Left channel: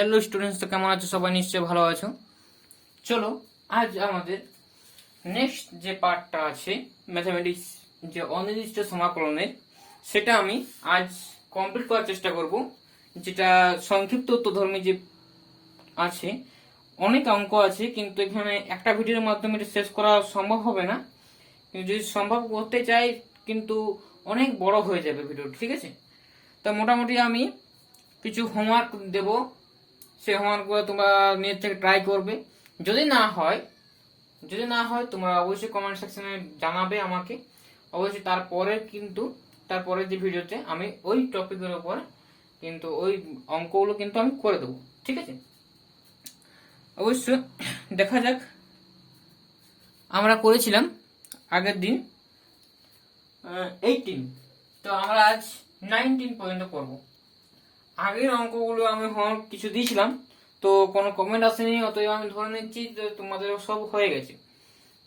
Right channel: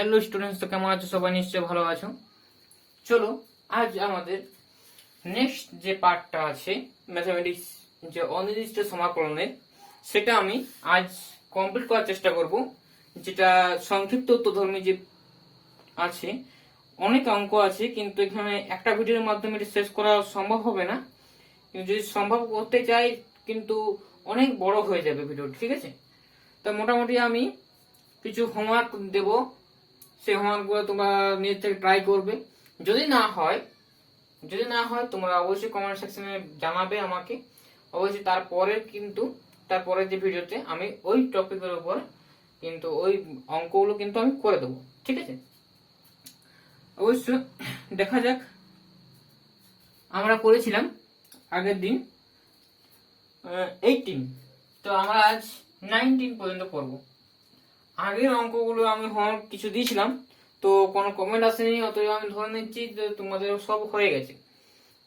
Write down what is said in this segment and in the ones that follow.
Hello students, তো কেমন আছো? সবাই নিশ্চয়ই ভালো আছো। চলো আজ আমাদের নেক্সট যে পার্টটা আছে ম্যাথমেটিক্স, যে অনির্দিষ্ট সমাকলনের, সেটা আমি আজ কমপ্লিট করার চেষ্টা করব। যেটা সংক্ষিপ্ত উত্তরধর্মী যে আছে, অনেক অঙ্ক আছে, কিন্তু এখানে একটা ভিডিওর মাধ্যমে এটা শেষ করা সম্ভব হবে না। কিন্তু যদি সম্ভব করতে চাই, কিন্তু অনেক বড় হয়ে যাবে ভিডিওটি, ঠিক আছে? তো মোটামুটি আমি কিছু হোমওয়ার্ক দেব, সেই হোমওয়ার্কগুলো তোমরা নিজের থেকে ট্রাই করবে। যদি না হয় তোমরা অবশ্যই কমেন্ট সেকশনে জানাবে আমাকে। অবশ্যই তারপরে যে ভিডিওতে আমি ওই টপিকের উপর কিন্তু ওই অঙ্কগুলো কিন্তু আমি করে দেবো, ঠিক আছে? অবশ্য দেখা যাক, আমরা করেছিলাম আগের দিন 18, তো আমরা আজ 19 পর্যন্ত করবো। আগের অঙ্কগুলো আমি কিছু দিয়েছিলাম, তো কোনো কমেন্ট আসেনি, অতএব আমি ধরে নিচ্ছি যে তোমাদের সব হয়ে গেছে।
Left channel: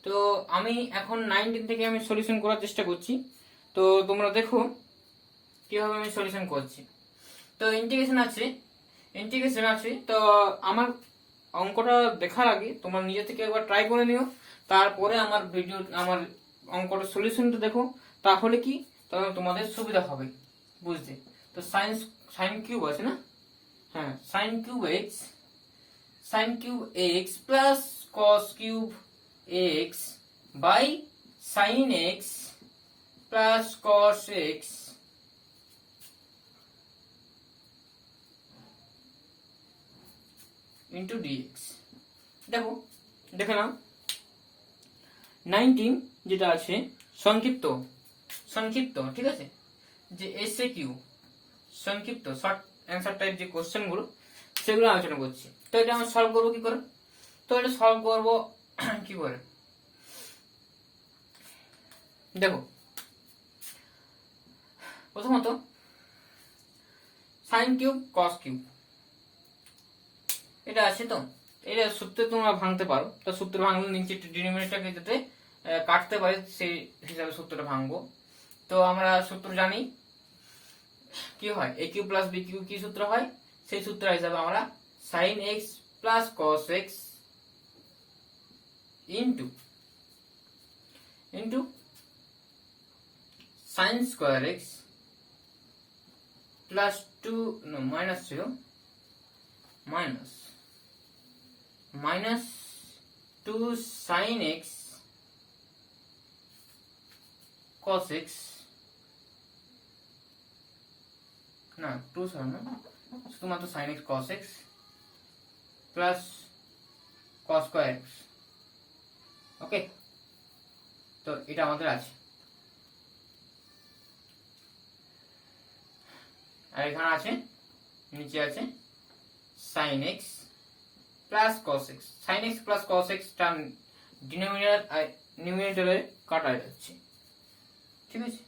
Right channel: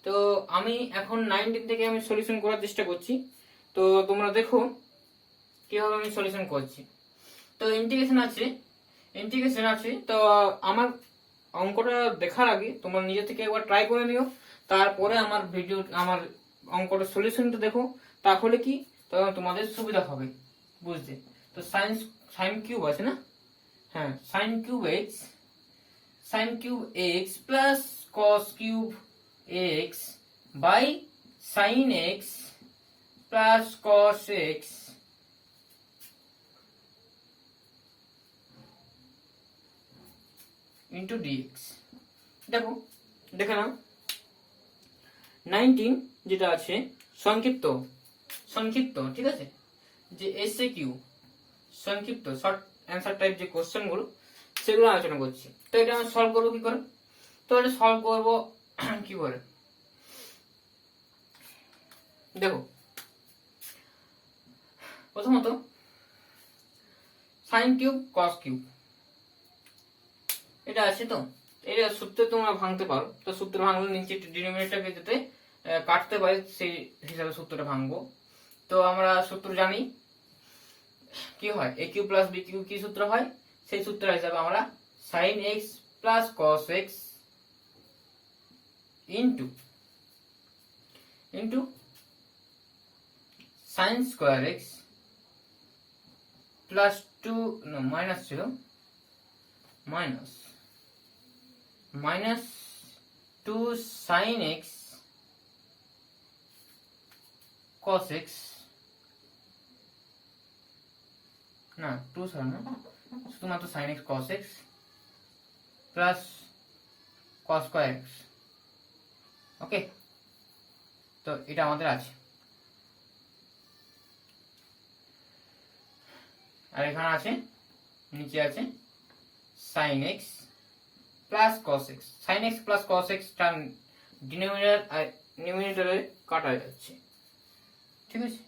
তো আমি এখন 19 থেকে আমি সলিউশন করার চেষ্টা করছি। তো তোমরা দেখো কিভাবে আমি সলিউশন করছি। তো ইন্টিগ্রেশন আছে। তো আমার অঙ্কটা দেখার আগে তোমরা নিজে থেকে একবার ট্রাই করে নিও, তারপরে আমার অঙ্কটা সলিউশনটা দেখো। তাহলে কি, তখন তোমাদের সুবিধা হবে বুঝতে। তো সাইন কিউব আছে না? হ্যাঁ, sine cube x plus cos cube x by sine x plus cos x into dx. দেখে নাও 19 যেটা আছে সংক্ষিপ্ত, ঠিক আছে? যে এসএ কিউ সংক্ষিপ্ত শর্ট অ্যান্সার টাইপ যে কোশ্চেন গুলো, সেগুলো আলোচনা করছি। তো এটা আমরা সলভ করবো কি করে? তো এটা সলভ করবো কি করে, দেখো। প্রথমত সাইন কিউব কস কিউব এটা আছে, তো এটা সূত্র তোমরা ভাঙতে পারো। তো সূত্র ভাঙলে নিচে ডিনোমিনেটরকে যাতে কাটতে পারে সেই হিসাবে সূত্রটা ভাঙবো। তো আমরা সূত্র জানি কি হয়, A cube plus B cube কি সূত্র হয়, সেই সূত্র হিসাবে আমরা sine x plus cos x into sine square x plus minus two sine x cos x, না টু শুধুমাত্র sine x cos x plus cos square x. Okay, তো এটা আমাদের আছে। আর এখানে আছে, নিচে আছে sine x plus cos x. Sine x plus cos x term নিউমিনেটরে কাটা যাচ্ছে, ঠিক আছে?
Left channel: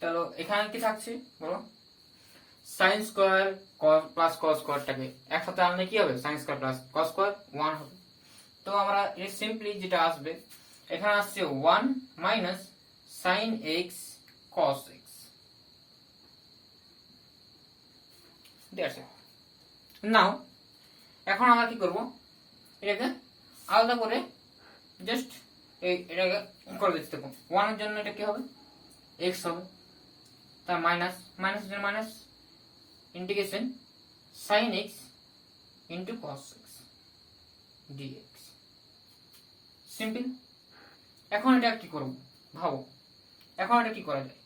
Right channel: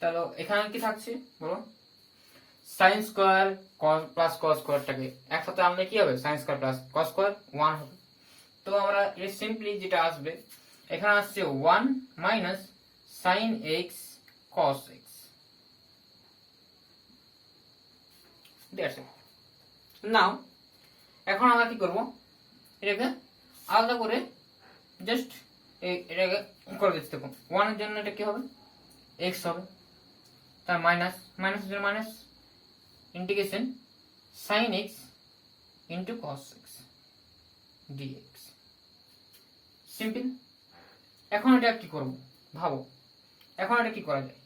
তাহলে এখানে কি থাকছে বলো, সাইন স্কোয়ার প্লাস কস স্কোয়ারটাকে একসাথে আনলে কি হবে, sine square plus cos square 1 হবে। তো আমরা সিম্পলি যেটা আসবে, এখানে আসছে 1 minus sine x cos x. নাও এখন আমরা কি করব, এটাকে আলাদা করে জাস্ট এটাকে করে দিতে থাকুন। 1 এর জন্য এটা কি হবে, এক্স হবে, তার minus minus integration sine x into cos x dx. Simple. এখন এটা কি করব ভাবো, এখন এটা কি করা যায়,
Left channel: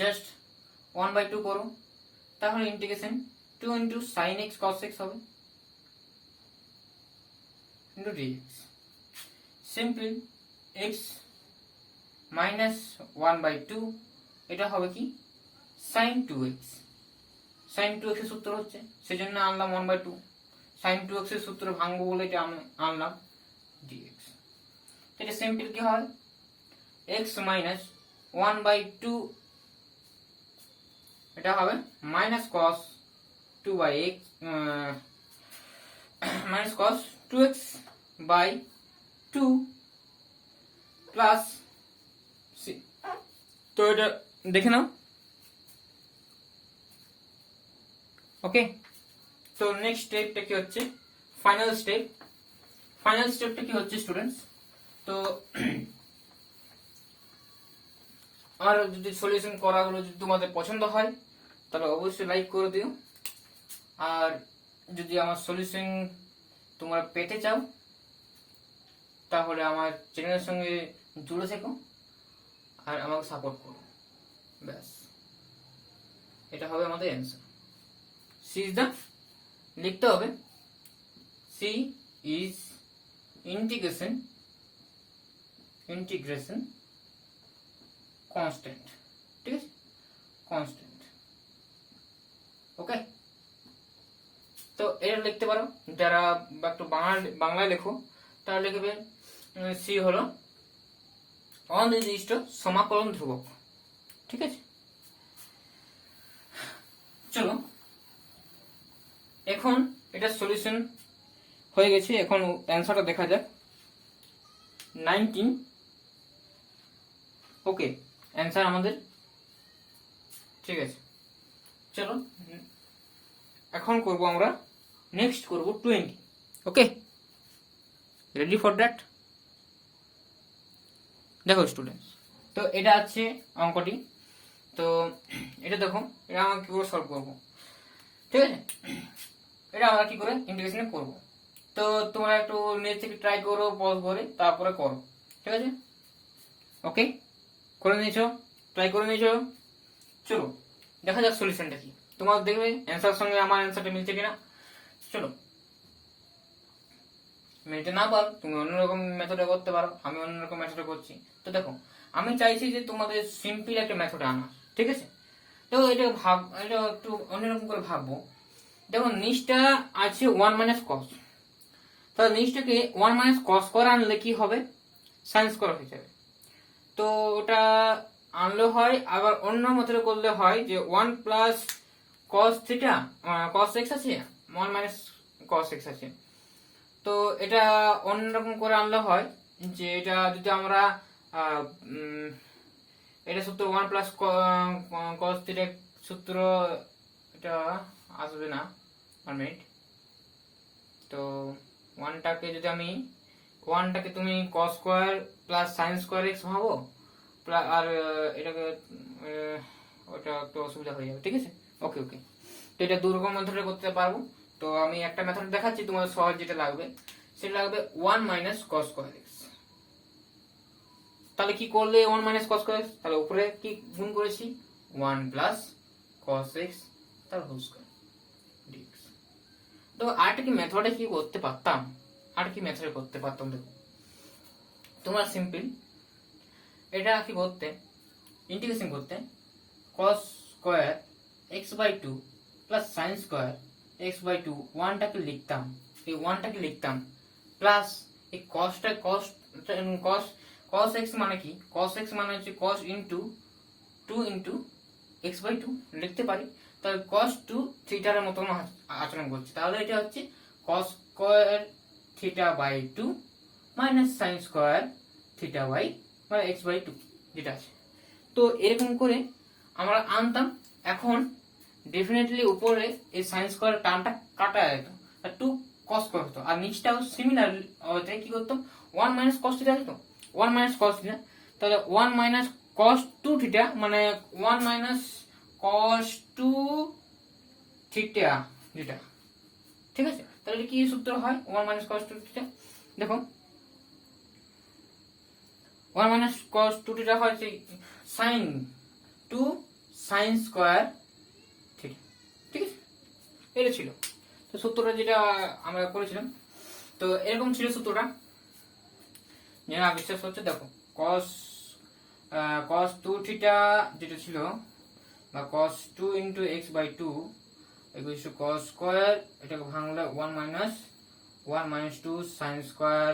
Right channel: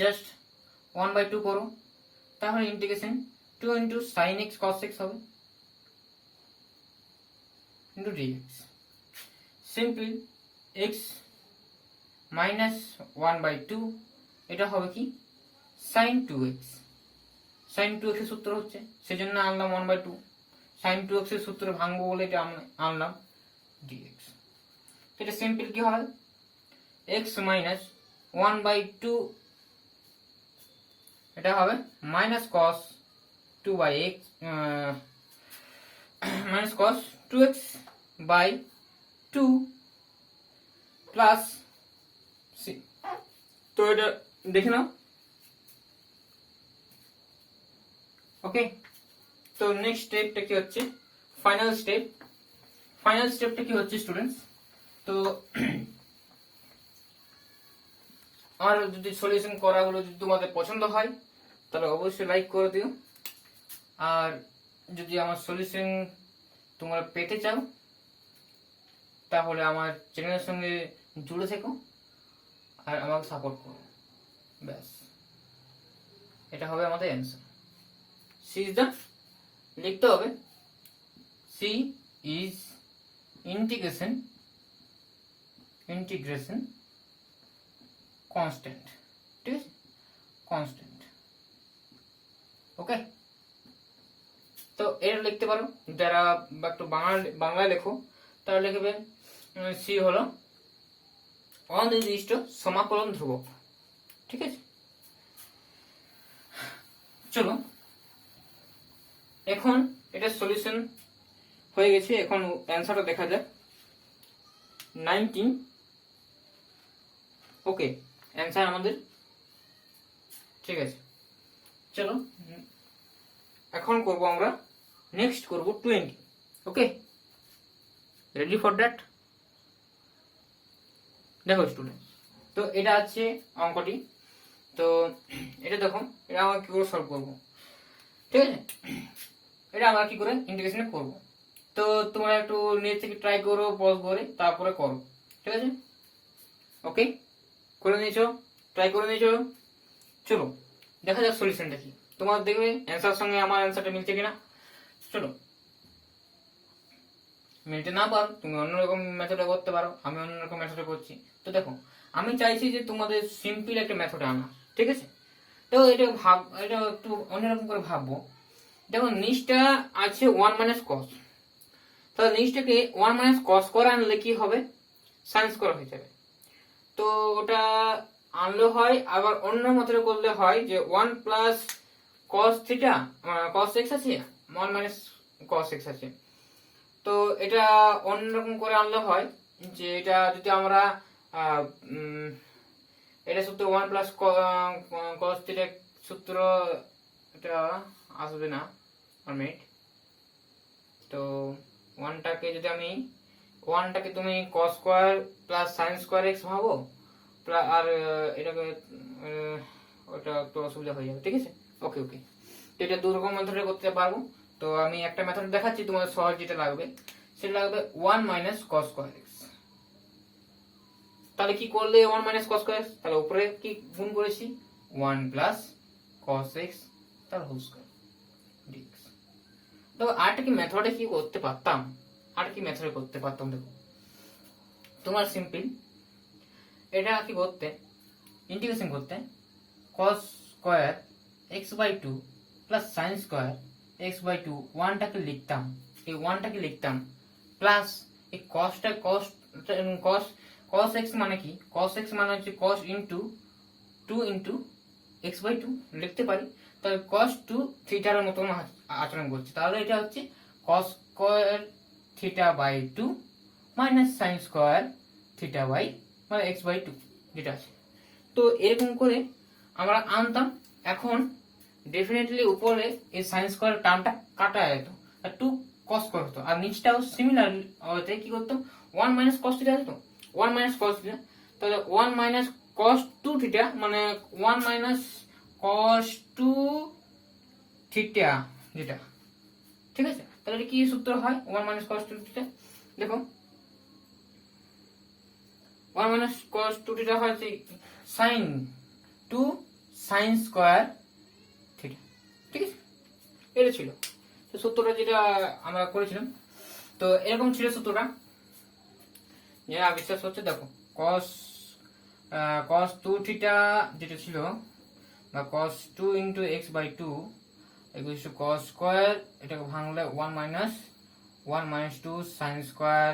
জাস্ট 1/2 করো, তাহলে integration 2 into sine x cos x হবে into dx. Simple. X minus 1/2, এটা হবে কি সাইন 2x। সাইন 2x এর সূত্র হচ্ছে, সেজন্য আনলাম 1/2। সাইন 2x এর সূত্র ভাঙবো বলে এটা আনলাম dx। এটা সিম্পল কি হয়, x মাইনাস 1/2, এটা হবে minus cos 2/x minus cos 2x by 2 plus c। তো এটা দেখে নাও। ওকে, তো নেক্সট স্টেপটা কি হচ্ছে, ফাইনাল স্টেপটা কি হচ্ছে স্টুডেন্টস। তো আমার যদি সলিউশন করাগুলো যদি তোমাদের পছন্দ হয় তাহলে অবশ্যই লাইক করে দিও, আর যদি আমার সলিউশন তোমরা পেতে চাও তাহলে আমার চ্যানেলের সঙ্গে জুড়ে থেকো আর আমাকে সাপোর্ট করো, ব্যাস এটা হবে আমাদের অ্যান্সার। সি ইজ দ্য, লিখতে হবে সি ইজ ইন্টিগ্রেশন কনস্ট্যান্ট, ঠিক আছে, কনস্ট্যান্ট। ওকে, তো এটা লিখতে পারো, যারা একটু বাংলায় লেখো তারা লিখবে সি হলো অনির্দিষ্ট সমাকলন ধ্রুবক, ঠিক আছে। চলো এখন এটা সলিউশন হয়ে গেছে, এখন অ্যান্সারটা দেখা যাক। 19, ওকে অ্যান্সার আমাদের ঠিক আছে। চলো এখন করব আমরা, নেক্সট করব 20। ওকে, রেডি ফর দ্যাট? দেখো স্টুডেন্ট, তো এটা আছে অঙ্কটি, তো এটা দেখো, এটা আমরা কি করে সলভ করবো, ঠিক আছে। এটা আমরা কি করে ইন্টিগ্রেশনে করব, তো তোমরা একটু নেট থেকে ট্রাই করো, পজ করে তারপরে করো, ঠিক আছে। ওকে, করে নিয়েছো, ট্রাই করে নিয়েছো, চলো দেখা যাক সলিউশনটা কি। তোমার দেখবে অ্যান্সার সঙ্গে আমার অ্যান্সারটা মিলছে কিনা। চলো, মিলতে না পারো তুমি অন্যরকম মেথডে করতে পারো, আমি অন্যরকম মেথডে করছি। তো দেখো, আমি চাইছি যে তোমাদের সিম্পল একটা মেথড আনা, ঠিক আছে। তো এটা একটু অন্যরকম করে ভাববো। দেখো নিচটা আছে 1 মাইনাস কস, তাহলে নিচটাকে 1 মাইনাস কস করে আনলে কি হবে, সাইন স্কোয়ার হয়ে যাবে। তো ওটা আনলে হয়, আবার অন্য মেথডে করলে হয় যে 1 plus cos theta, cos x আছে, 1 মাইনাস কস এক্স আছে। তো এটা অন্যরকম করে আনলে হয় যে এটা যদি আমরা এটা সূত্র 1 প্লাস কস থিটা সূত্র, এটা আসবে না, 1 মিনিট। তো 1টাকে তুমি cos square plus sign square x ভাবো, আর এটাকে ওটা একটু অসুবিধা হয়ে যাবে, ঠিক আছে। ওকে ওকে, তো এটা দু রকম মেথডে করতে পারবো। তো আমি একটা মেথড দেখাচ্ছি, তোমাদের সহজ যেটা লাগবে সেটা লাগবে 1 মাইনাস কস স্কোয়ার এক্স। তাহলে কি করলে 1 মাইনাস কস স্কোয়ার এক্স, তাহলে উপরে কি গুণ করেছি 1 প্লাস কস এক্স তার হোল স্কোয়ার ডিএক্স। তো আরেকটা কি মেথডে কি করতে পারতাম, দেখো তোমার সিম্পল এটা কি করতে, ইন্টিগ্রেশন করতে cos square x by 2 plus sin square x by 2, 1টাকে লিখতাম, এই 1টাকে লিখতাম প্লাস এই cosটা cos x মানে কি, cos x মানে হচ্ছে cos into 2 into x by 2 লিখতে পারি। তাহলে cos 2 থিটার মতন আচরণ করছে, তাহলে এটা হচ্ছে cos square theta by 2 minus sin square theta by মানে x বাই 2 যেটা আছে। তো এরকম করে আমরা আনতাম। এখন ডেফিনেটলি উপরে এই sin স্কয়ার টার্মটা কাটা যেত, আর 2 cos স্কয়ার হতো, আর নিচটাও সিমিলার হতে কি করতো 1 মাইনাস cos থিটা হতো, 1 মাইনাস cos থিটা। তাহলে 1 মাইনাস cos 2 থিটা মানে 1 মাইনাস cos 2 থিটা যেটা, ঠিক আছে। তাহলে কি সূত্র হয় 1 মাইনাস cos 2 থিটা, দেখো 1 মাইনাস cos 2 থিটা হয় sin 2 sin স্কয়ার থিটা, ঠিক আছে। এটা ছিল তো সূত্রটা যেটা আমরা করেছিলাম। তো এরকম ছিল সূত্রটা, যারা বিশ্বাস হচ্ছে দেখো cos 2 থিটা যেটা ছিল বা cos 2 into x by 2 equal to cos square, এটাকে ভাঙলে 1 minus 2 sin square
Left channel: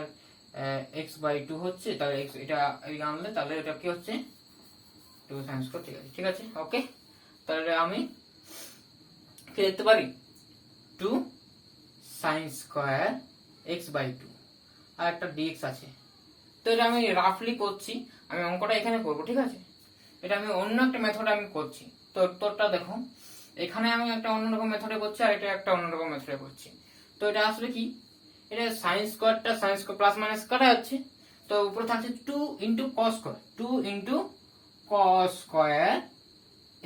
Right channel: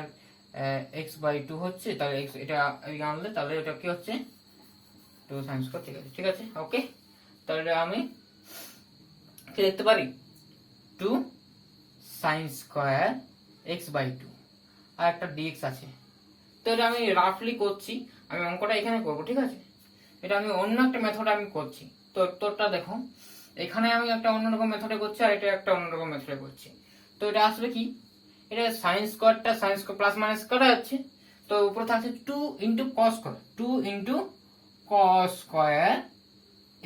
x by 2 হচ্ছে। তাহলে x এটা আনলে তাহলে এটা কি হচ্ছে 2 sin স্কয়ার, ঠিক আছে, ঠিক আছে। ওকে, তাহলে আমি কি লিখতে পারি 2 sin স্কয়ার x বাই 2 আর একটা dx আছে। তো এটা আমি রাফলি করছি, আমি অঙ্কটা এখানে করব, ঠিক আছে। এটা আমি অন্য একটা মেথড আমি করছি। তো উত্তরটা দেখো এখানে আমি একটা অন্যরকম মেথডে করছি আর এটা একটা অন্যরকম মেথডে করছি। তো এটা আসবে কি, এটা সাইন স্কোয়ারটা সাইন স্কোয়ার প্লাস মাইনাস কাটা যাচ্ছে, তো উপরে থাকছে 2 into cos square, 2 into cos square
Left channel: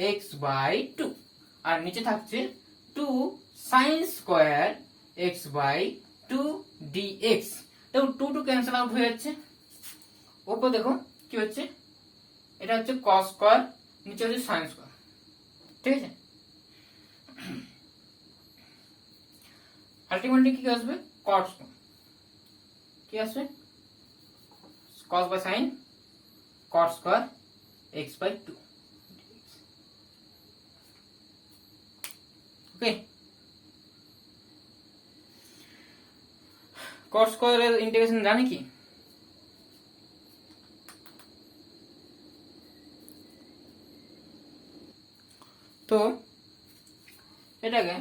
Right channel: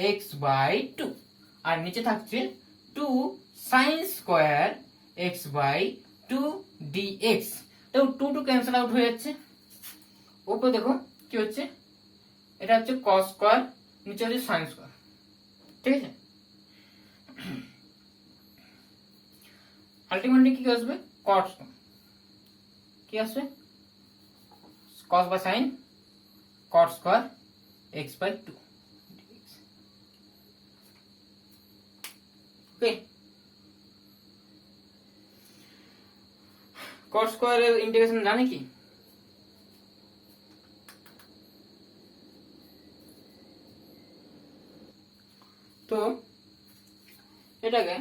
x by 2, আর নিচে থাকছে 2 sine square x by 2 dx. দেখো 2 টু ক্যান্সেল আউট হয়ে যাচ্ছে, উপরে দেখো কি হচ্ছে, এটা হচ্ছে কস স্কোয়ার, নিচে হচ্ছে সাইন স্কোয়ার, ঠিক আছে। আলটিমেটলি কি আসবে, কট কি আসবে, cos by sine cot square x by 2, okay. Cot স্কোয়ারের ইন্টিগ্রেশন জানি কি, তো এটাকে,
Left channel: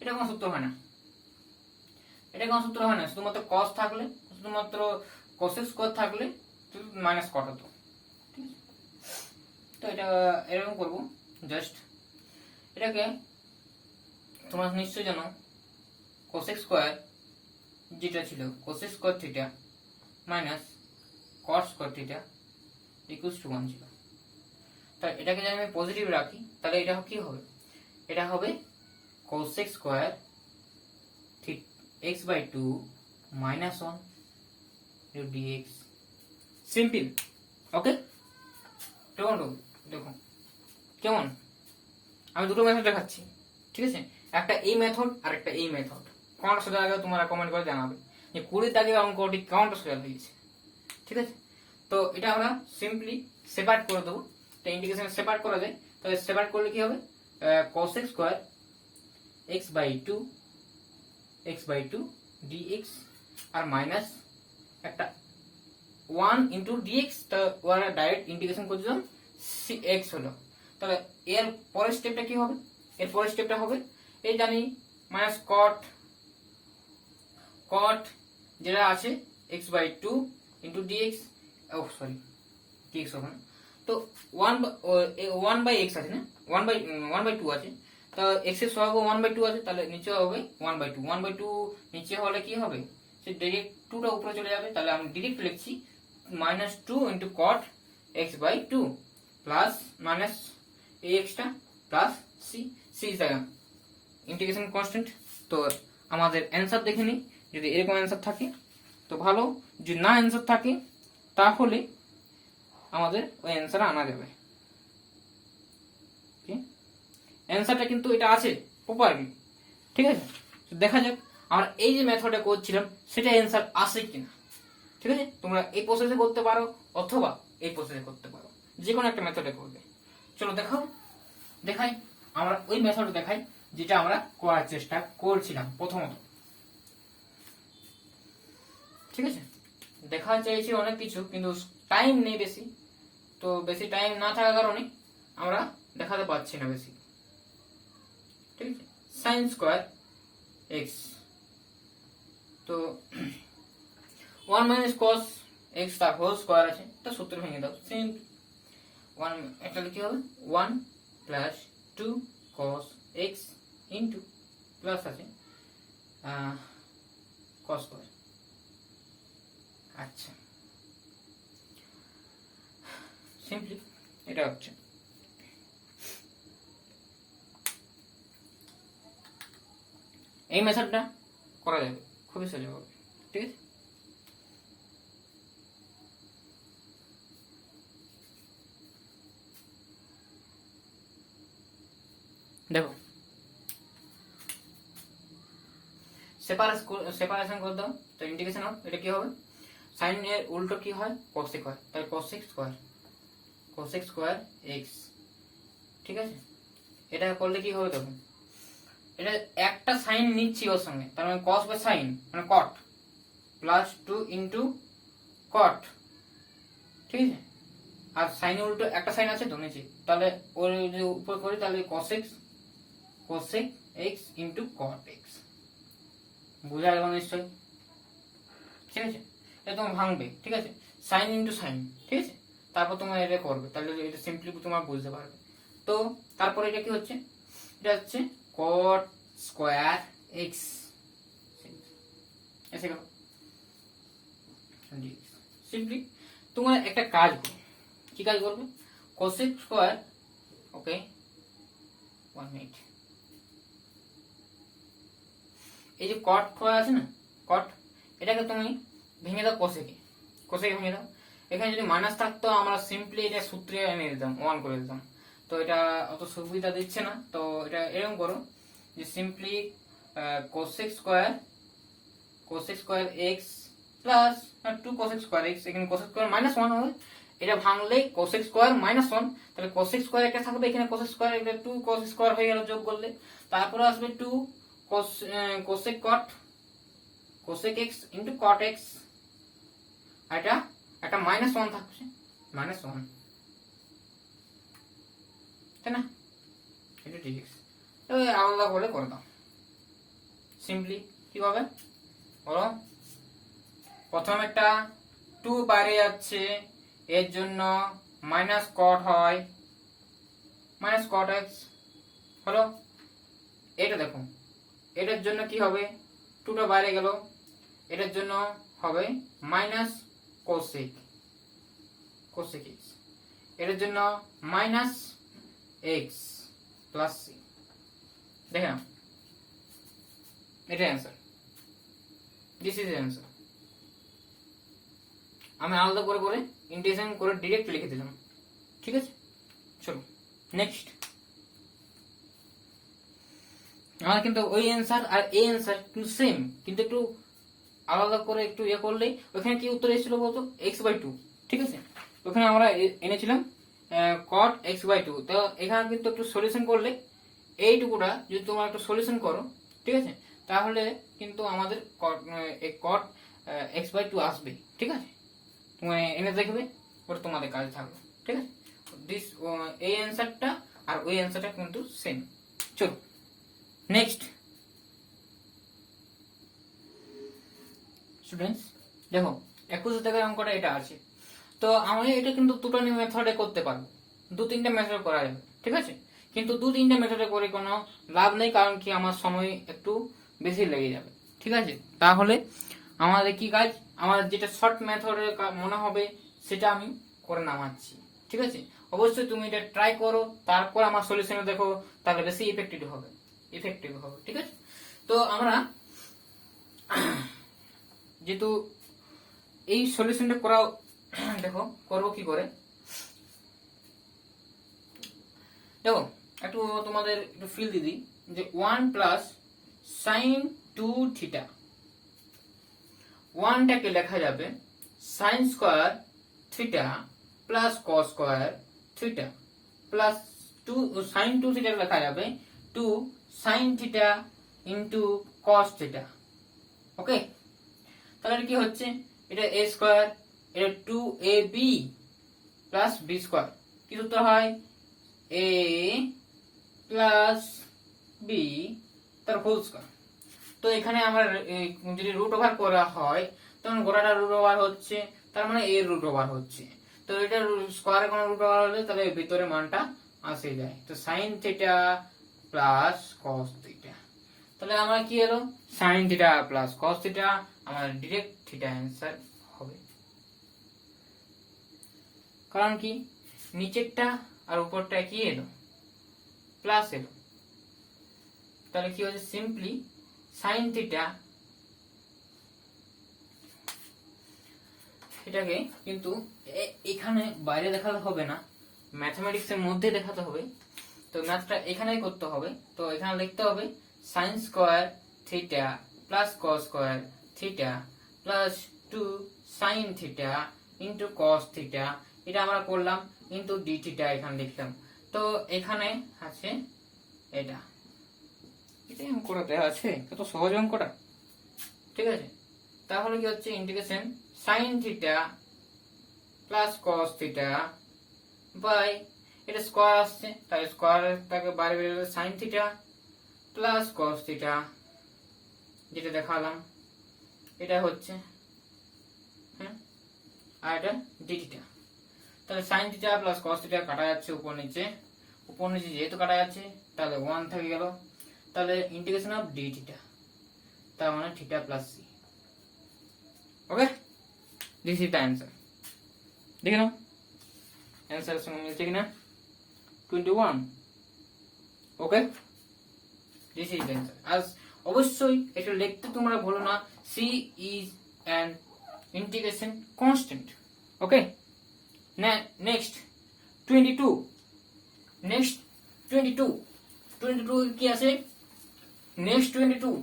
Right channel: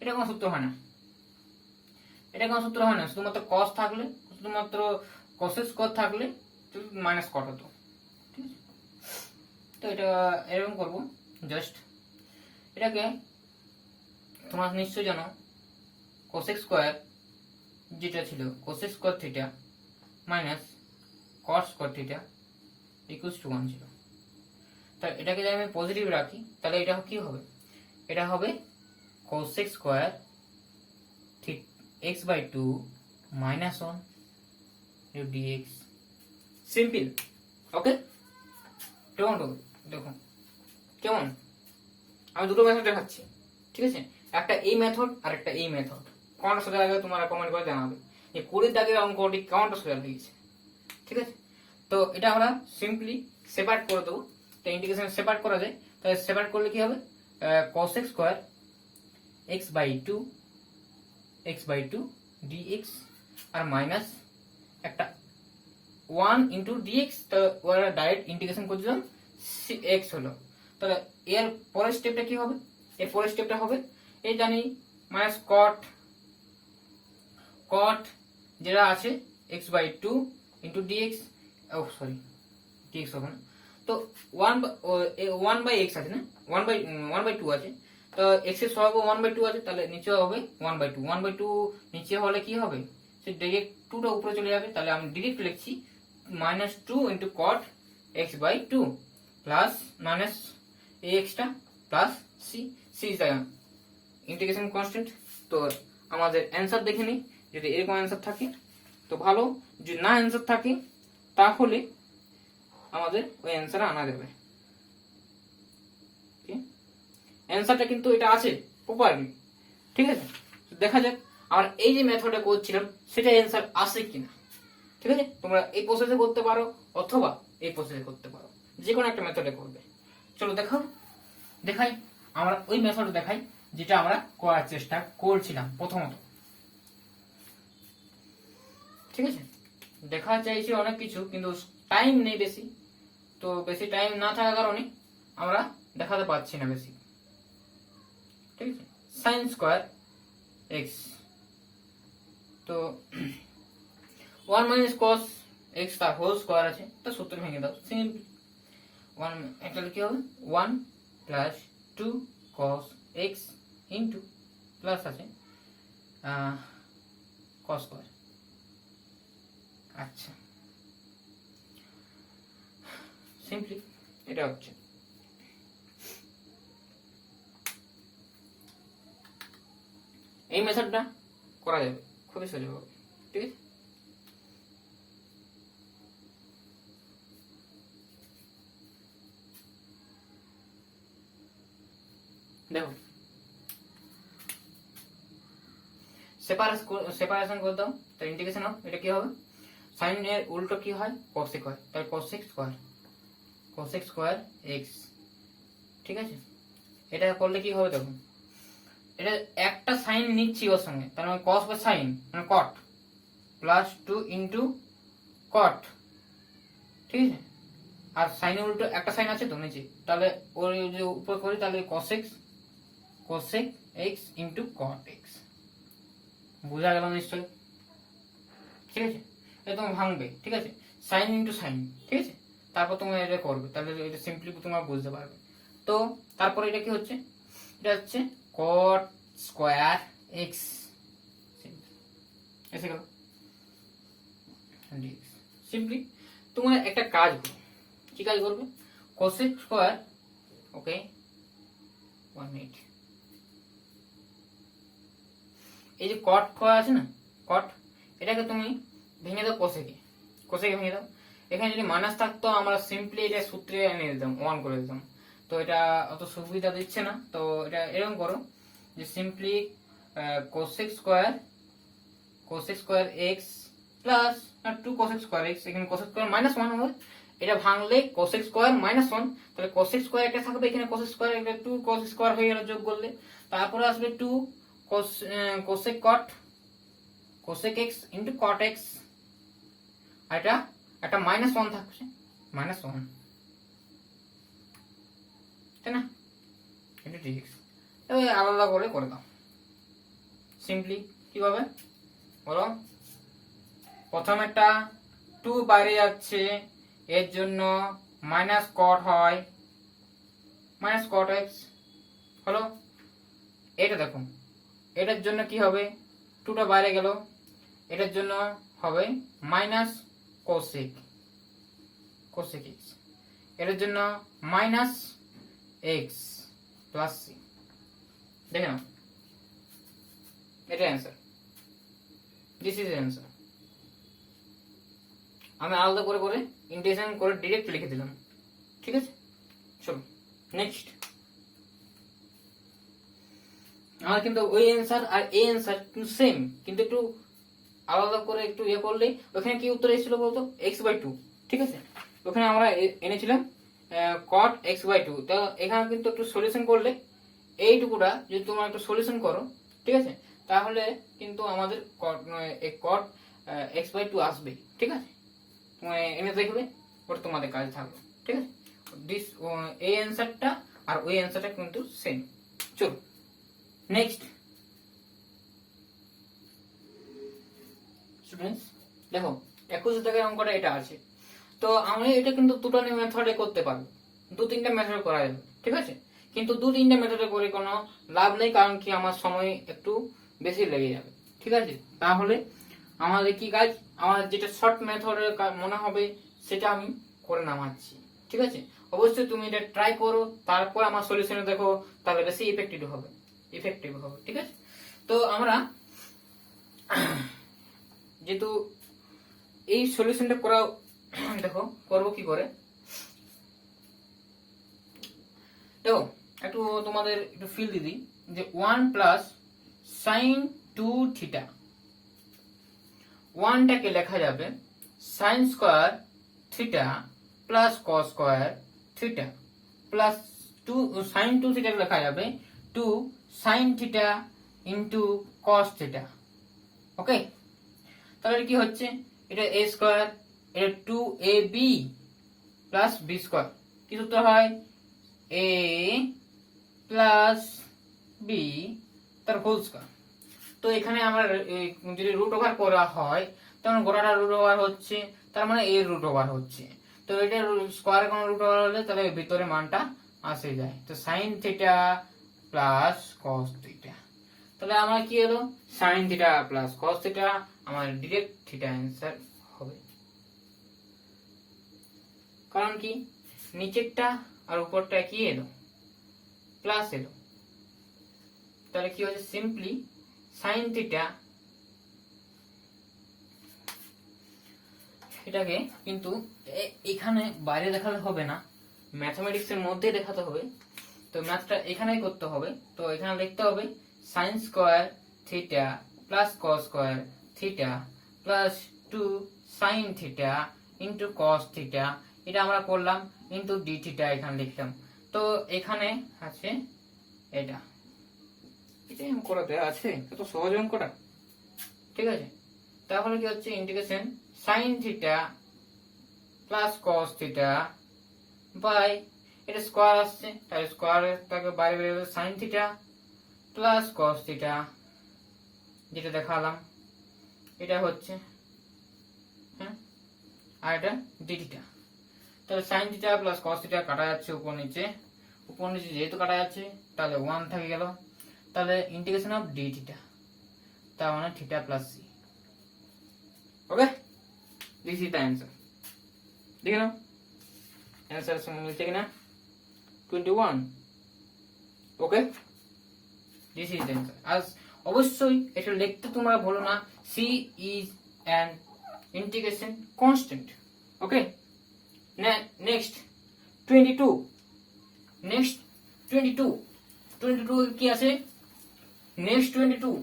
এটা কোনো সূত্র হয় না, এটা কোনো সূত্র হয় না, শুধুমাত্র কস থাকলে, শুধুমাত্র কসের স্কোয়ার থাকলে মাইনাস কট হতো, ঠিক আছে। তো এটা এরকম করবো, জাস্ট এটাকে তোমরা নিশ্চয় জানো কোসেক স্কোয়ার যেটা ছিল cosec square theta minus cot square theta equals to 1 ছিল। তা এটাকে যদি আমি পজিটিভ রাখি তাহলে এটা কি হবে, এটা হবে cosec square x by 2 minus 1 dx, simple, okay. কেমন হবে দেখো, কেমন, আমি দুটো মেথড দেখাচ্ছি, ঠিক আছে, একটা এই মেথড আর একটা এই মেথড। কোনটা সোজা লাগে তোমরা কমেন্ট করে জানাবে যে 20 দাগে অঙ্কটি কোনটা সোজা লেগেছে, ঠিক আছে। তো এটা আমরা সিম্পলি সেপারেট করে দেবো, তো ইন্টিগ্রেশন সেপারেট করা যায়, তাহলে সেপারেট করলে কি হবে, cos x square x by 2 dx আর মাইনাস একটা 1 ইন্টু dx, তো ওরা ডাইরেক্ট ইন্টিগ্রেশন করে দিলাম, x হলো। তাহলে এর পরের স্টেপটা কি হবে, এর পরের স্টেপটা হবে এই জানি মাইনাস কট যেটা আছে x by 2 into dx, oh sorry dx হবে না, তো 1 বাই x আছে না, 1 বাই 2 আছে, তো x এর সহগ 1 বাই 2 আছে, তাহলে নিচে হবে 1 বাই 2, 1 বাই 2 নিচে হলে কি হবে, সে ডাইরেক্ট 2টা উপরে চলে যাবে, তাহলে আমি ডাইরেক্ট লিখছি minus 2 into cot x by 2 plus minus ax টা plus c is the integration constant. তো আমাদের অ্যান্সার দেখে নিই, যদি এরকম অ্যান্সার থাকে তো ভালো, যদি না অ্যান্সার থাকে তাহলে আমাদের ওই অ্যান্সার আনা যাবে, অ্যান্সারটা কিন্তু এটা আছে প্রপারলি, ঠিক আছে। দেখা যাক আমরা এই যে মেথডে করছিলাম সেটা অ্যান্সার আসে কিনা, ঠিক আছে। তোমরা এই প্রসেসে করতে পারো অথবা এই প্রসেসে করতে পারো, যে কোনো একটা মেথডে করবে। চলো দেখাই আমরা ওই মেথড দেখাই যেটা আমরা করার চেষ্টা করছিলাম প্রথমত, ঠিক আছে। দেখা চাইছি অনেক কিছু কিন্তু টাইম নেই বেশি, তো বেশি টাইম না থাকার কারণে আমরা দেখাতে পাচ্ছি না বেশি, ঠিক আছে। সাইন স্কোয়ার এক্স, তো 1 মাইনাস কস এক্স তার হোল স্কোয়ার আছে, তো সূত্র ভেঙে দাও, সিম্পল 1 একটা কি হবে 1 plus 2 cos x into plus আছে cos স্কয়ার। আচ্ছা সিম্পলি এটা হচ্ছে, এই মেথডটা করা যাবে, খুবই সোজা হবে, ঠিক আছে। দেখো সেপারেশন করে দাও, তো ইন্টিগ্রেশন অফ এটা কি হবে, সাইন এর উল্টো কি হয় কোসেক হয়, তাহলে কোসেক স্কয়ার এক্স, ঠিক আছে। এটা করলে কি হবে দেখো, এটা একটা সাইন নিচ্ছি ওর সঙ্গে, তার মানে কস বা সাইন মানে কট প্লাস 2 ইন্টু কট, ঠিক আছে। আর সাইনের উল্টো একটা সাইন আছে তো নিচে, তাহলে ওর যদি উপর করি তাহলে cosec x into cot x, বোঝা গেল নিশ্চয়, ঠিক আছে। এটা তোমার ভাঙবে, ঠিক আছে, সাইন ইন্টু সাইন, ঠিক আছে, তারপর তোমরা এটা করবে, তাহলে এটা সিম্পলি তোমরা বুঝতে পারবে। তো তারপরে এটা কি হচ্ছে, এটা হচ্ছে cot স্কয়ার এক্স এসে গেল। সিম্পলি তোমরা একটা কাজ করবে, কি কাজ করবে, কোসেক স্কয়ার, ওকে 1 মিনিট, এই যে কট স্কয়ার আছে না, কট, এটাকে তুমি ভেঙে দাও কোসেকে, কোসেকে ভেঙে দাও। এখানে যদি মাইনাস থাকতো আমরা সিম্পলি এটা সূত্রে এনে দিতাম, 1 করে দিতাম, তো এটা অত সুবিধা দিচ্ছে না। তো এটা এরকম করো যে simply cosec square x plus 2 cosec square x, এখানে কোসেক স্কয়ার -1 হবে, এটা ভাঙলে কোসেক স্কয়ার -1, তাহলে কোসেক স্কয়ার একটা থাকবে, এখানে কোসেক স্কয়ার, এটা 2 কোসেক স্কয়ার হয়ে গেল যোগ করলে, তারপরে আসবে 2 cosec cot, cosec x into cot x, আর এটা একটা -1 থাকছে, -1, তাই না, এটা ঠিক আছে। আলাদা করে দাও সিম্পলি, কিভাবে বলো, প্রথম একটা 2 বাইরে যাচ্ছে, এর জন্য মাইনাস কট হয়, মাইনাস কট এক্স হলো। এটা দেখো, এটার জন্য কি হবে, 2টা বাইরে গেল, এটার জন্য হবে মাইনাস কোসেক এক্স, এটার জন্য মাইনাস এক্স প্লাস সি। দেখে নাও, এটা অ্যান্সার, দিস ইজ অ্যান্সার। আমি আলাদা করে ইন্টিগ্রেশন করে ডিরেক্ট লিখে দিলাম, ঠিক আছে। চলো নেক্সট, আমার কিন্তু ওই অ্যান্সার আর এই অ্যান্সার কিন্তু সেম, কিন্তু একটু আলাদা করে একটু ইয়ে করলেই, ওখানে কি উত্তর এসেছিল বলতো, x/2, ঠিক আছে। ওখানে আমরা এনেছিলাম cot x/2, তো এখানে কিন্তু একটু সলিউশন করলে, এইটুকুটা যদি তোমরা একটু সলিউশন করো, ঠিক আছে, তাহলে কিন্তু আমাদের cot x/2 আসবে, ঠিক আছে। এনে দেখবে, ওটা তোমাদের কাজে থাকবে, ঠিক আছে। দিস এই অ্যান্সারটা আর ওই অ্যান্সারটা কিন্তু সেম। চলো নেক্সট স্টুডেন্টস, দেখো 21 টাকার অঙ্কটা এটা আছে, তো আমি এটা কিন্তু দুটো মেথডে করতে পারবো, 2-3টা মেথড করা যাবে, ঠিক আছে। কিন্তু 2-3টা মেথডে করে কোনো লাভ নেই, কারণ কি আমার সময় একটু বেশি লেগে যাবে, ঠিক আছে। তাহলে আমাদের কি কাজ, আমার যেটা শর্ট মেথডে মনে হবে সেটা আমি করে নামাচ্ছি, ঠিক আছে। অবশ্যই তুমি এটা ট্রাই করো, তারপর আমার সলিউশনে দেখো, তাহলে বেশি ইফেক্টিভ হবে, ঠিক আছে। তো আমরা যেহেতু এই সলিউশনটা করা, দেখো করবো কি করে, দেখো একটু তোমাদের একটু ফিল দিদি, যে 1 প্লাস সাইন 2 থিটা, 1টাকে লেখা যাবে sine square theta plus cos square theta plus 2 sine 2 theta লেখা যাবে 2 sine theta into cos theta, okay. তাহলে কি হচ্ছে, এটা a স্কয়ার, এটা 2ab প্লাস b স্কয়ার, কি সূত্র হয়, a প্লাস b তার হোল স্কয়ার। তো এখানে আমরা যদি রুট ওভার করা হয়, তখন গোটাটা রুট ওভার হচ্ছে, তার মানে এর রুট ওভার হচ্ছে, তো এটা স্কয়ারে কোনো রুট ওভার হলে তাহলে ভিতরে মানটা আসে যায়, তো sign theta plus cos theta, তাহলে আমার কি এলো, sign theta plus cos theta, আমার ডিরেক্ট থিটা অ্যান্সার হবে। কারণ কি, নিচেরটা আর উপরটা কি এলো, প্লাস এলো, তাহলে কি হচ্ছে, সিম্পলি সাইন থিটা, এটাকে কিন্তু এখানে বাইরে দেখাতে হবে না, ম্যাথমেটিক্স এর মধ্যে দেখাতে হবে, তো ম্যাথটা এখানেই করতে হবে। তো এখানে লিখতে হবে sign square theta plus cos square theta plus 2 sine theta into cos theta, এটা আমরা করলাম, ইনটু ডি থিটা এখানে লিখলাম। তো এখানে আছে এটা, এটা অঙ্কটা আছে, কত সহজ অঙ্কটা, ঠিক আছে। তাহলে কি হচ্ছে, integration sine theta plus cos theta by, এটা স্কয়ার আসছে, তাই স্কয়ারটাকে বাইরে বেরোলে sine theta plus cos theta, যেটা দেখালাম এটা হচ্ছে, হ্যাঁ, আর এটা ডি থিটা। তাহলে sine theta plus cos theta কাটা যাচ্ছে উপর নিচে, উপর নিচে যেহেতু কাটা যাচ্ছে তাহলে 1 থেকে গেল, তাহলে ইন্টিগ্রেশন অফ ডি থিটা, তার মানে theta plus C. Okay, this is the answer. দেখে নাও অ্যান্সারের সঙ্গে মিলছে কিনা। 21। Okay, this is the answer. আর অবশ্যই এটা লিখতে তোমরা ভুলো না, C is an integration constant. Okay, next 22। Next 22 কি আছে? নেক্সট 22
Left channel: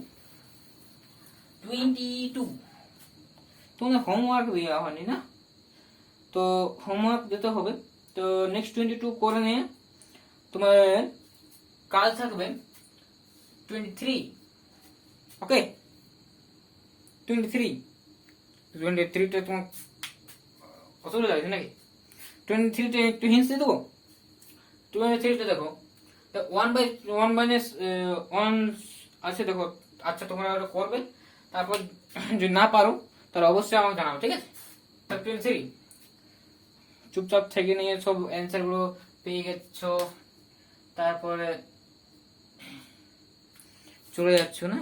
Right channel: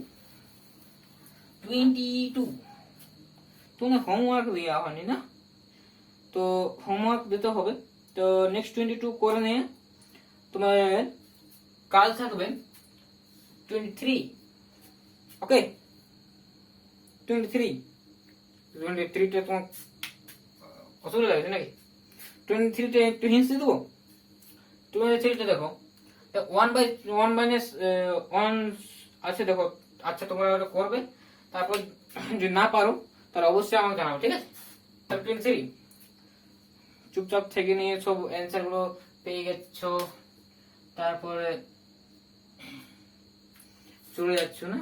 তোমার হোমওয়ার্ক দেওয়া হয়নি না, তো হোমওয়ার্ক দিতে হবে। তো নেক্সট 22 করে নিয়ে তোমার কাল থাকবে 23। ওকে, 23টা তোমার অসুবিধা লাগছে নাকি? 23টা একটু হিন্স দিয়ে দেবো। 23টা দেখো, 1/1 আছে দেখো। আচ্ছা, তোমরা ওটা করবে, তারপর যদি না পারো তাহলে অবশ্যই আমাকে জানাও, ঠিক আছে? তাহলে 23 চুপচাপ থেকে নিয়ে সব অ্যান্সার গুলো পেয়ে গেছো, তারপরে চলে যাচ্ছ না,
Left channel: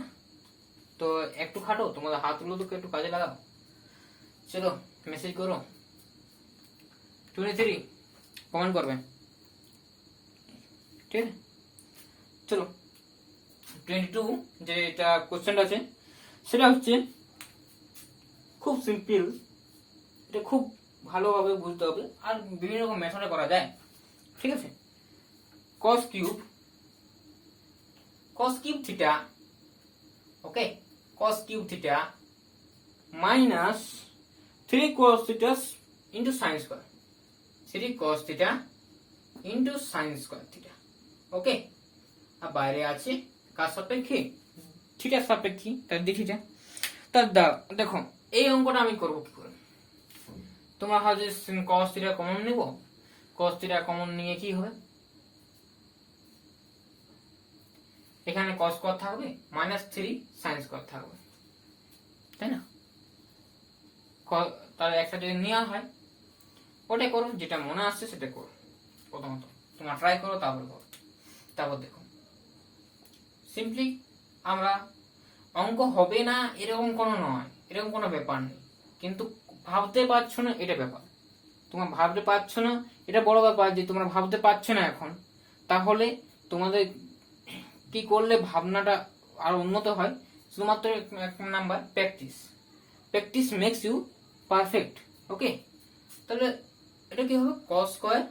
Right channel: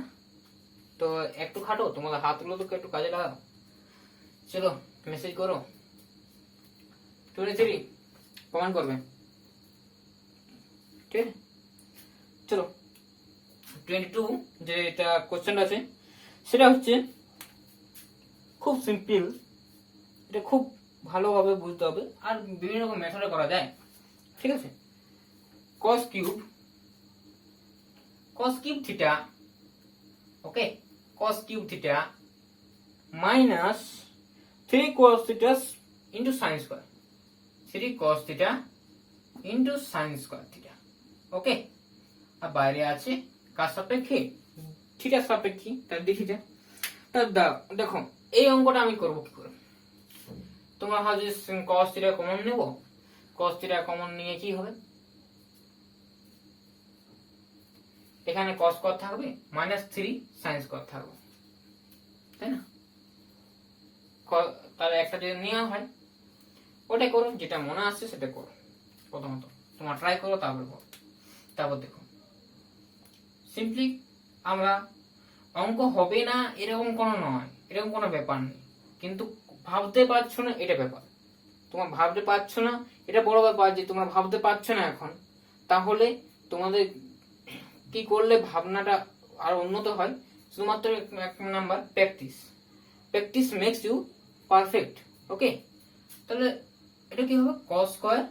তো একটু খাটো, তোমাদের হাতগুলো তো একটু কাজে লাগাও। চলো মেসেজ করো, 23 কমেন্ট করবে, ঠিক আছে? চলো 22 যে এটা কোশ্চেন আছে সেটা হচ্ছে খুব সিম্পল, এটা খুব ভালোভাবে বুঝতে হবে, আর বিভিন্ন রকম মেথডে করা যায়, ঠিক আছে? cos cube theta, okay, cos cube theta minus 3 cos theta into sine square, 3 cos theta into sine square theta. Okay, আর বাইরে আছে কার সাপেক্ষে? থিটার সাপেক্ষে, তার ডি থিটা। তার দেখো এই অঙ্কটা আমি করব কি করে? তোমরা ভাবছো cos থিটা কমন নেব, cos থিটা কমন নিয়ে কি হবে? এখানে cos স্কয়ার থাকবে, -3 sin স্কয়ার থাকবে, তাই না? তাহলে একটা যদি নেওয়া হয় ওটা করো, যেটা মনে আসছে সেটা করো। প্রথমত তোমরা ট্রাই করো, তারপর দেখো। সিম্পলি আমরা অঙ্ক হবে না এরকম কোনো নয়, এরকম কোনো ব্যাপার নেই, কিন্তু ভাবতে পারছো না এটা ব্যাপার। তোমরা ভাবতে পারছো না এটা বড় ব্যাপার, যে তোমরা ভাবতে পারছো না এখন। তাহলে তোমাদের কি করলে ভাবনাটা আর উন্নত হয়? শুধুমাত্র এক number practice makes you perfect. Okay, তাহলে এটা কি হবে? cos square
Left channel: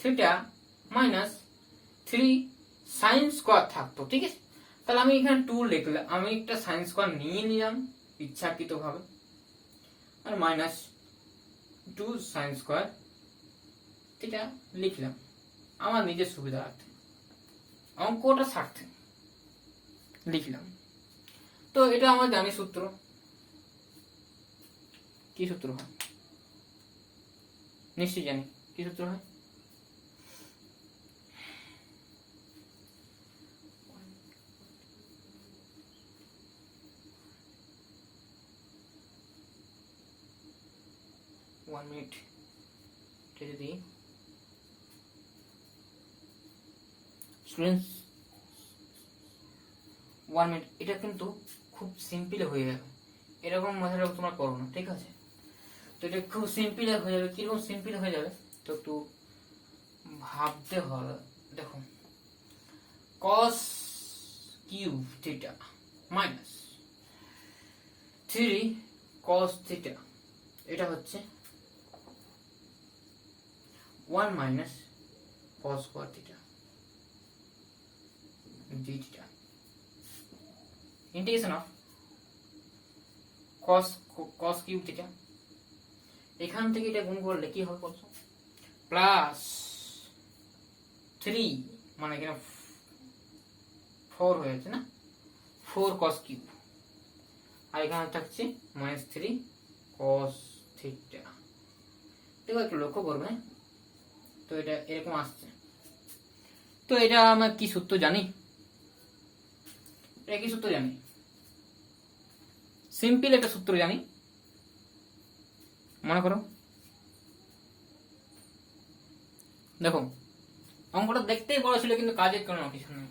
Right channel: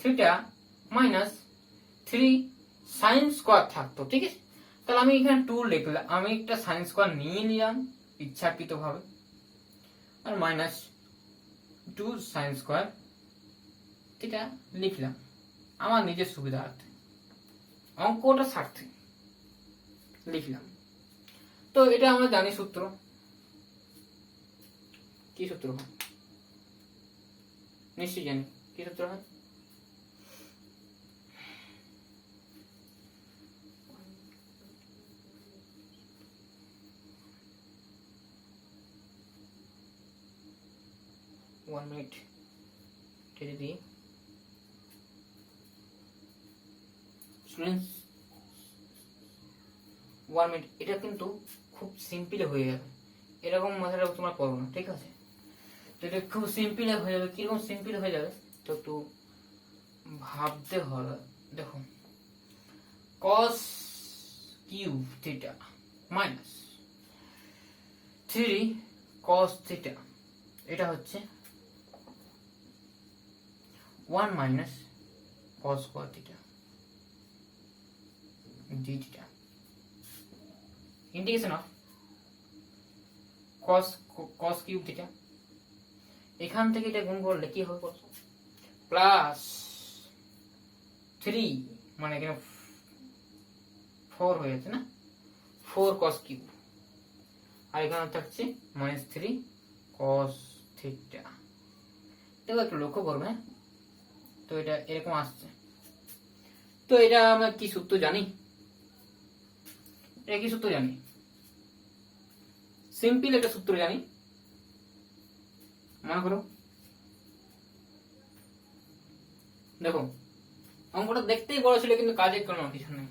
theta minus 3 sin square থাকতো, ঠিক আছে? তাহলে আমি এখানে 2 লিখলাম, আমি একটা sin স্কয়ার নিয়ে নিলাম ইচ্ছাকৃতভাবে, আর মাইনাস 2 sin স্কয়ার থিটা লিখলাম আমার নিজের সুবিধার্থে, অঙ্কটা স্বার্থে লিখলাম। তো এটা আমরা জানি সূত্র, কি সূত্র হয়? নিশ্চয়ই জানি কি সূত্র হয়। One minute কেটে দিই। স্টুডেন্টস 1 মিনিট, এটা কিন্তু খুব সিম্পল হয়ে যাবে, এরকম মজাটা তোমরা করো না, ঠিক আছে? তো এটা খুব সিম্পল হয়ে যাবে। কিরকম সিম্পল হয়ে যাবে তো একটু ভাবতে হবে। দেখো, cos cube theta minus 3 cos theta, এটা হচ্ছে 1 minus cos square theta D theta, integration of cos cube theta. এখান থেকে এটা গুণ করলে কি হবে বলছো? প্লাস 3, মানে এখানে 4 হয়েছে না, 4 cos কিউব, আর এখানে থাকছে -3 cos থিটা। দেখো একটু লক্ষ্য করবে, তো এটা এরকম আসছে। তো এটা আমরা কি সূত্র জানি? এটা কি সূত্র জানি? সিম্পল একটা সূত্র জানি, মনে করো। দেখো অঙ্কটা দেখতেই বড় ছিল কিন্তু কাজে কোনো কিছু নেই।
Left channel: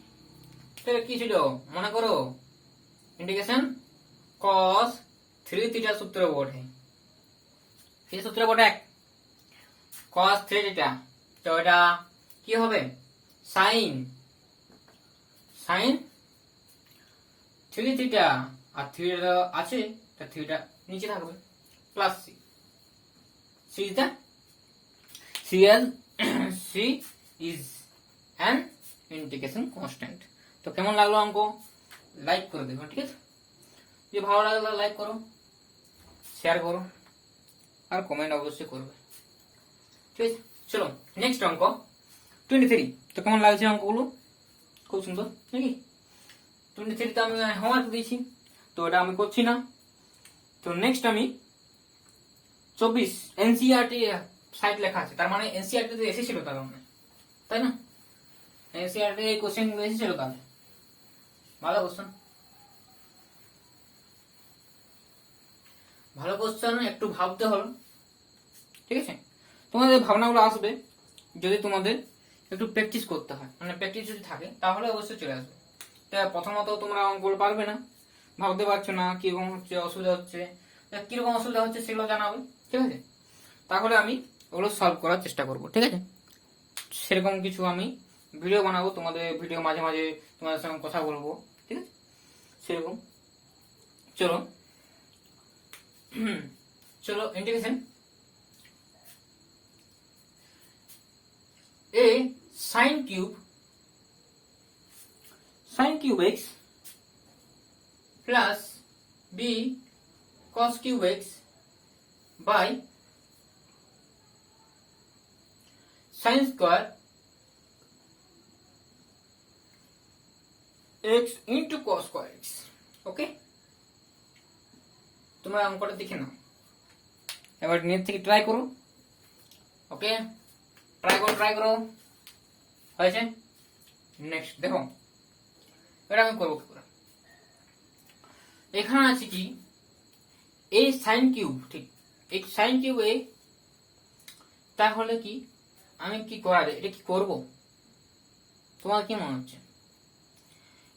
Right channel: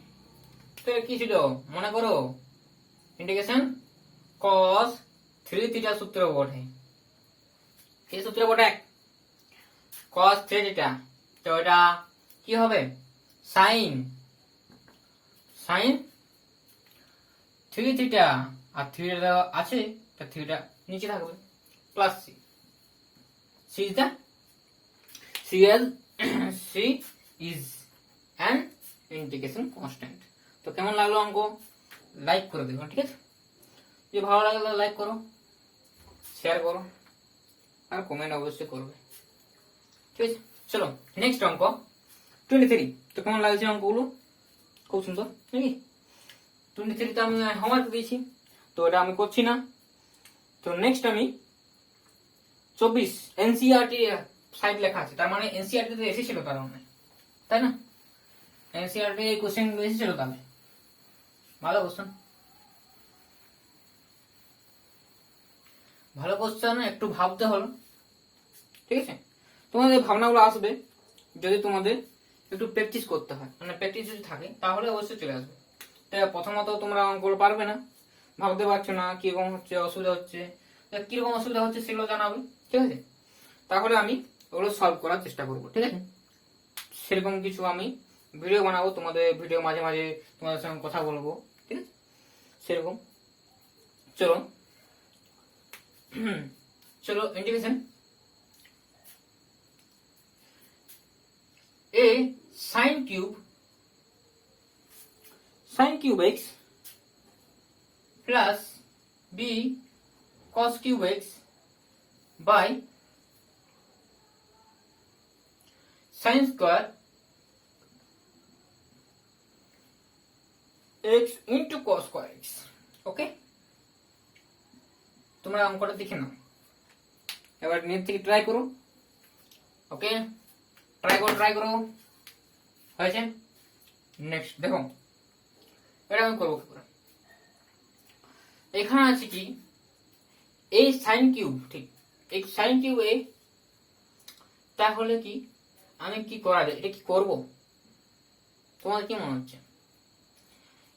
তাহলে কি ছিল মনে করো, ইন্টিগ্রেশন cos 3 থিটা সূত্র বটে। কি সূত্র বটে? cos 3 theta. তো এটা কি হবে? sin 3 থিটা, আর থিটা আছে, তা থিটা নিচে থাকবে, plus c। c is the c is an integration constant। তো কেমন লাগলো অঙ্ক? লাইক করে দেবো, ঠিক আছে? যদি ভালো লাগে তাহলে লাইক করো, শেয়ার করো, আর কমেন্ট অবশ্যই করবে, ঠিক আছে? চলো নেক্সট অঙ্ক 23। তো কেমন লাগছে অঙ্কগুলো? খুব সুন্দর নাকি? 23 তো আমি হোমওয়ার্ক দিয়েছি, তো এটা আমি করছি না। তো নেক্সট আমি 24 এনসিইআরটি সাইড লেখা আছে, তার মানে এনসিইআরটি তো এসেছিল তার মানে, তাই না? এনসিইআরটি এই কোশ্চেন গুলো এসেছিল, তাহলে ভালো কোশ্চেন, ভালো কোশ্চেন, একটু ভাবতে হলো, ঠিক আছে? তোমাদের ভাবনাগুলো আসবে যদি তোমাদের একটু প্র্যাকটিস করতে হয়, মানে প্র্যাকটিস যদি থাকে তাহলে অবশ্যই চলে আসবে। তো প্রথমত তোমরা অঙ্কগুলো পারবে না, ভাবতে পারছো না কিরকম হচ্ছে, অসুবিধা হচ্ছে, কিরকম অসুবিধা হচ্ছে সেগুলো জানাবে, ঠিক আছে? তাহলে আমি ওগুলো সলভ করার চেষ্টা করবো, ঠিক আছে? সেরকম কিছু আমি ভিডিও বানাবো, তোমাদের ভিডিও মাঝে মাঝে তোমাদের সঙ্গে কথা বলবো, ঠিক আছে? সেরকম চলো চলো integration a sin cube x plus b cos cube x by sin square x into cos square x। ওকে, তোমরা অঙ্কটা দেখে নাও, এবার নিজে থেকে ট্রাই করো। ওকে, ট্রাই করো, হয়েছে? নেক্সট দেখো, এটা আমি করবো কি করে। এখানে আছে কি এই সাইন কিউব, ঠিক এই সাইন কিউব এ, তাহলে কি আমি কি করা যায়, এটা কি করবো? তোমার কি মনে হচ্ছে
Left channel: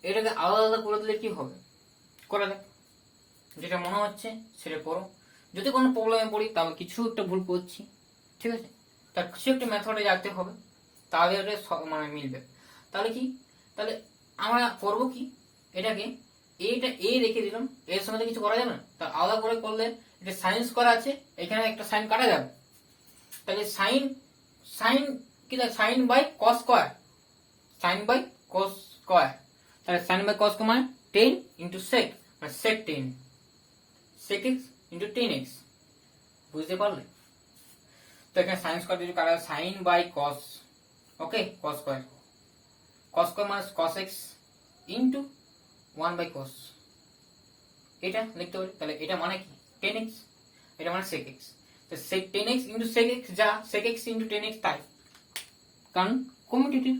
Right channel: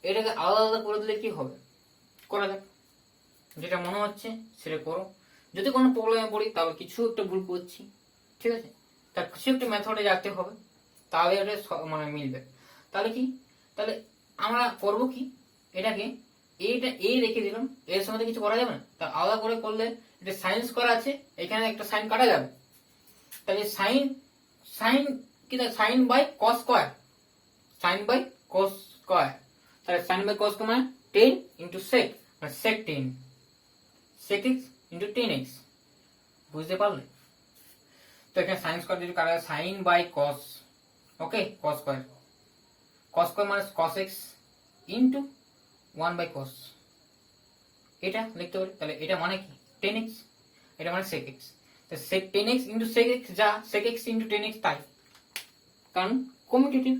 এটাকে আলাদা আলাদা করে দিলে কি হবে? করা যাক, যেটা মনে হচ্ছে সেটা করো। যদি কোনো প্রবলেমে পড়ি তাহলে কিছু একটা ভুল করছি, ঠিক আছে? তার কিছু একটা মেথডে যেতে হবে, তাহলে এটা মানে মিলবে। তাহলে কি, তাহলে আমরা করবো কি, এটাকে এইটা এই রেখে দিলাম, এর সময় কিছু করা যাবে না, তা আলাদা করে করলে এটা সাইন্স করা আছে, এখানে একটা সাইন কাটা যাবে, তাহলে সাইন সাইন কি, sine by cos square, sine by cos square, তাহলে সাইন বাই কস মানে 10 ইন্টু সেক, মানে সেক 10, সেক এক্স ইন্টু 10x, বুঝতে পারলে? তো এখানে সাইন স্কয়ার যদি কাটা, sine by cos, okay, cos square, cos square মানে cos x into 1 by cos, এটা লিখতে পারি। তাহলে এটা মানে কি 10x, এটা মানে sec x, তো sec 10x into sec x যা sec x ইন্টু 10x তাই, কারণ কমিউটেটিভ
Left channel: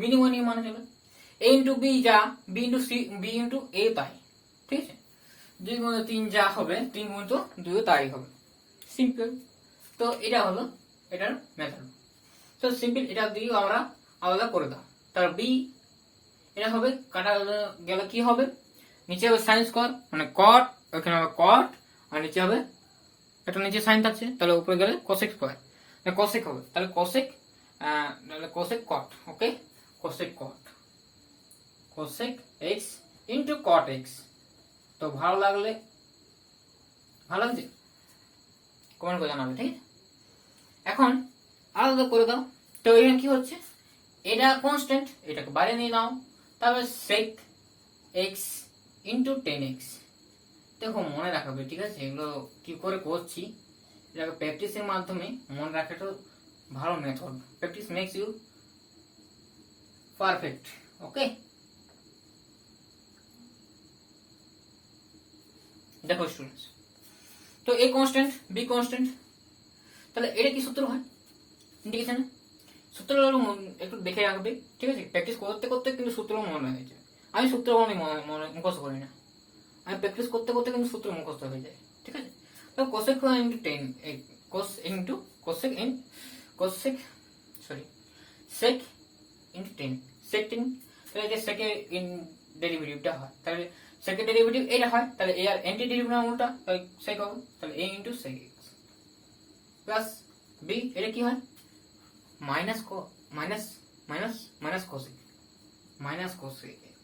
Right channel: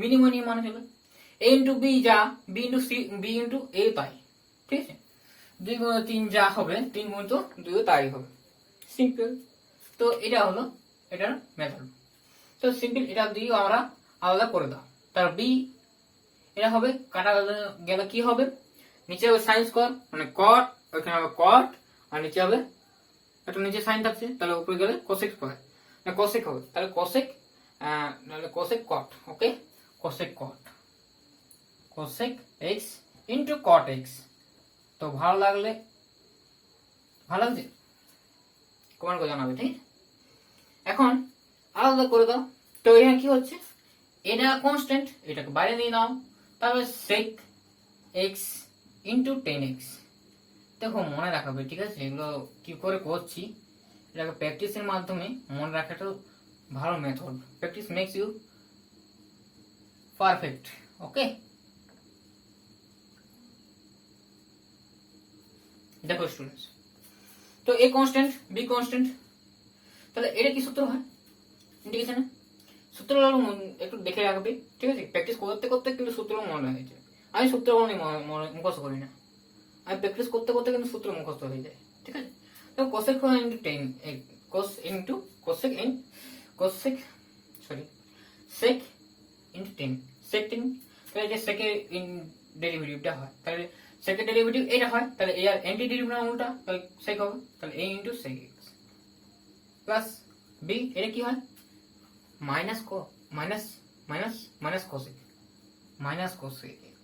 মিনিমাম নিয়ে মানে চলে। a ইন্টু b যা b into c b into a তাই, ঠিক আছে? 2 গুণিত 3 যা হবে 3 গুণিত 2 তাই হবে, সিম্পল। তো এটা হলো এটার মেথড। তো সিম্পল, এটা দিয়েও আমরা আলাদা করে দাও। তার b এটা হবে কাটা গেলে কি হবে, নিচে হবে সাইন স্কয়ার মানে কট, ওখানে হবে কট, আর নিচে হবে এটা নিচে সাইন থাকছে, তাহলে উপরে গেলে কোসেক স্কয়ার, মানে কোসেক হবে, তাহলে কোসেক নাহলে কোসেক কট, ওকে, cosec cot, cosec x into কট x। তো ভালো লাগলে, ভালো লাগছে কমেন্ট করে জানাবে, ঠিক? এখন আলাদা করে দাও। তো এখানে কি হচ্ছে, এটা কনস্ট্যান্ট, এটাকে বাইরে নিয়ে নাও, তারপরে sec x ইন্টু 10x। দেখো মনে রাখাবে, ঠিক আছে? এগুলো কি করে করছি এটাকে প্র্যাকটিসের মাধ্যমে মনে রাখাটা ভালো method. Practice makes you perfect, okay? দেখো স্টুডেন্টস, তো এ কনস্ট্যান্ট বি কনস্ট্যান্ট, তাহলে এটা কি সূত্র হয় ইন্টিগ্রেশনে? সূত্রগুলো একটু দেখে রাখবে, ঠিক আছে? প্র্যাকটিস করতে করতে কিন্তু সূত্রগুলো মনে হয়েছে। আমি সূত্রগুলো মুখস্থ করি না, আমি প্র্যাকটিস করতে করতে কিন্তু সূত্র মুখস্থ হয়ে যায়, ঠিক আছে? তো cosec into 10 cos into cosec in cosec, sorry, sec into 10 sec 10 তাহলে যে সেকের ইন ডেরিভেটিভটা হয় তাহলে সেকের ডেরিভেটিভ এটা হয় তাহলে এর অ্যান্টি ডেরিভেটিভ না উল্টা তাহলে সেক হবে তাহলে a into sec x plus b এটা কি হয় মাইনাস মাইনাস cosec x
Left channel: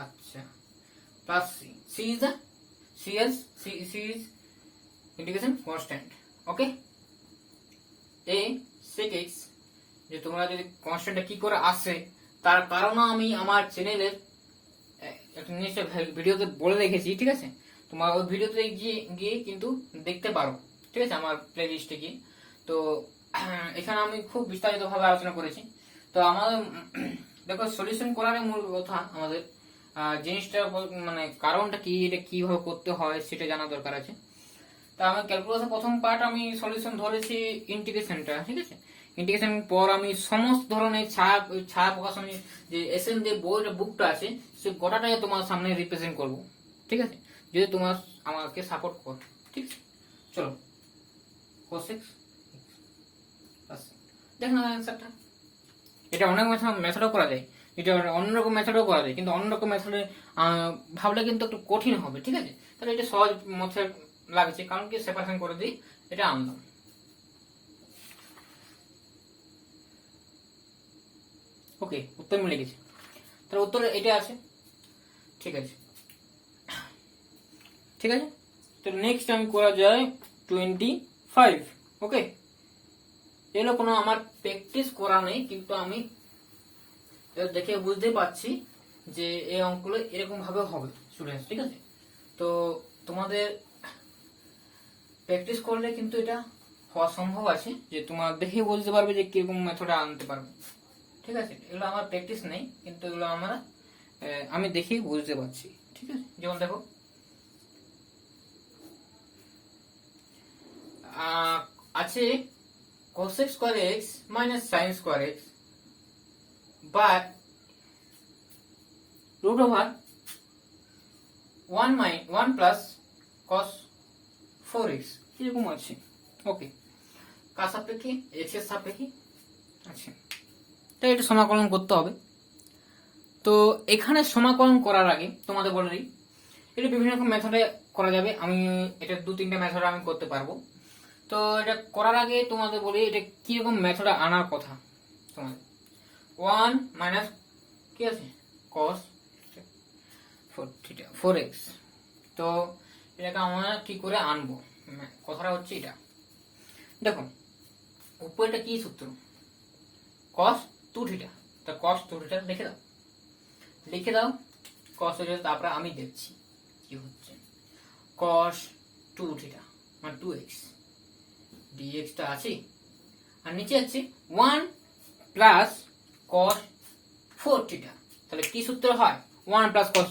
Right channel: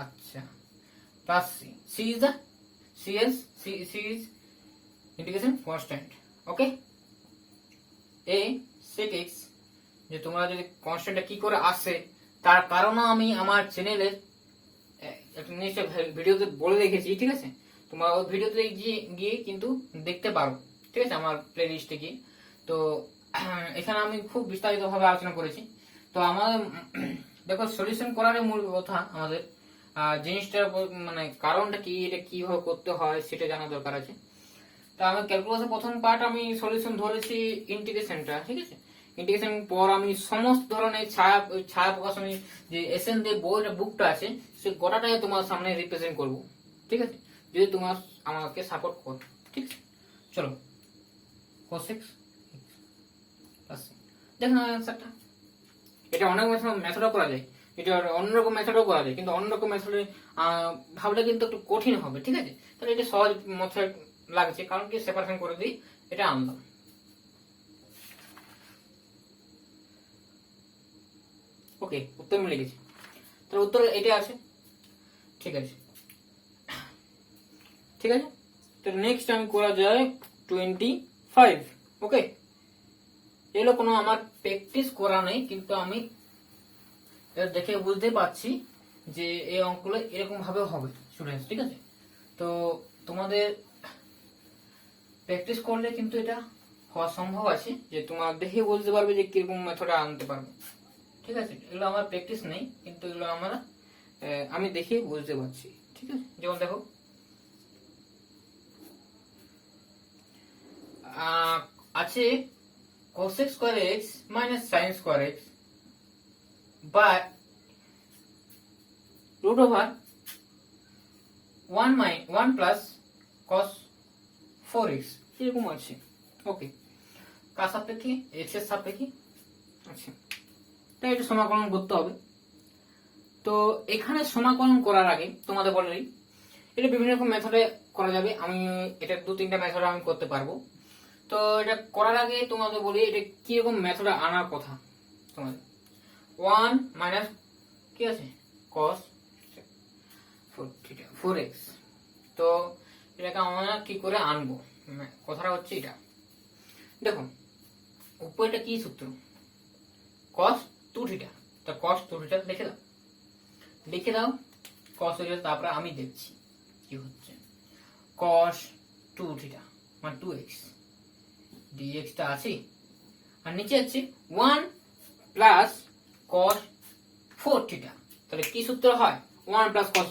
আচ্ছা plus c is the c is integration constant okay a sec x যে তোমরা যদি কনস্ট্যান্টটা কি করে আসে তার কারণ আমি আমার চ্যানেলের একটা নিশ্চয় ভিডিওতে বলে রেখেছি ঠিক আছে তোমরা ওই ভিডিওতে গিয়ে কিন্তু দেখতে পারো ঠিক আছে আমার প্লে লিস্টে গিয়ে তো এখানে আমি খুব বিস্তারিত ভাবে আলোচনা করেছি তো আমাদের দেখো সলিউশন করার মূল কথা আমাদের জিনিসটা মানে কারণটা কি এটা কিভাবে করতে হয় সেটা জানা দরকার আছে তা আমি ক্যালকুলাসের প্রথম পার্ট আমি সলিউশন ধরেছি ইন্টিগ্রেশনটা ঠিক আছে ইন্টিগ্রেশন পর আমি সমস্ত ধরনের ছায়া প্রকাশনের যে এসএন যে বইটা বুকটা আছে সেই গোটাটাই তোমার সামনে রিপ্রেজেন্ট করব ঠিক আছে যদি তোমার আমাকে সাপোর্ট করো ঠিক আছে চলো cos x দেখো না অ্যান্সারটা এটা অনেক মেথডও করা যায় এটা অন্যরকম মেথডও করা যায় কিন্তু অন্যরকম মেথডে ভাবলে কিন্তু একটু কঠিন হবে ঠিক আছে তাহলে এটা সহজ মেথড লাগছে কারণ কি সেপারেশন করে দিই এটা আনলাম ওকে উত্তর মিলে গেছে তাহলে উত্তর এটা আছে ঠিক আছে তো নেক্সট টাইম করা যায় 25 ওকে এগুলো কোনো আমার প্র্যাকটিস করা নেই কিন্তু আমি দেখে বুঝতে পারছি যে এই অঙ্কগুলো এরকম ভাবে হবে স্টুডেন্টস ঠিক আছে তো তোমাদের প্র্যাকটিস করলে কিন্তু এটা হওয়া সম্ভব আছে যে তোমরা দেখে বলতে পারবে যে কিরকম মেথডে আনতে পারবে ঠিক আছে এগুলো আমার প্র্যাকটিস নেই কিন্তু এগুলো আমি দেখে বুঝতে পারছি ঠিক আছে যেমন দেখো আছে cos square x minus sin square x but root over 1 plus cos 4x এরকম আছে ওকে কার সাপেক্ষে x এর সাপেক্ষে আচ্ছা তো এটা সমাকলন করতে হবে তো এখানে সমাকলন করার আগে তোমাদের বলে দিই এটা বিভিন্ন রকম মেথডে করা যাবে আমি এটা 2-3টা মেথডে আমি করতে পারবো তো এটা করার আগে তোমাদের বলি এটা কি রকম মেথডে আনার কথা তোমাদের 1 মাইনাস কি আছে cos 4x তো এটাকে আমরা কি করে আনবো কথাটা হচ্ছে এটা দেখো উপরেটা কি সূত্র cos 2 থিটা তো cos 2 থিটা লিখে দাও cos তারপরে আমি দেখছি কি হচ্ছে cos 2 থিটা মানে 2x dx টা আছে আর নিচে আছে 1 প্লাস cos 4 থিটা তাহলে কি সূত্র হয় 1 প্লাস cos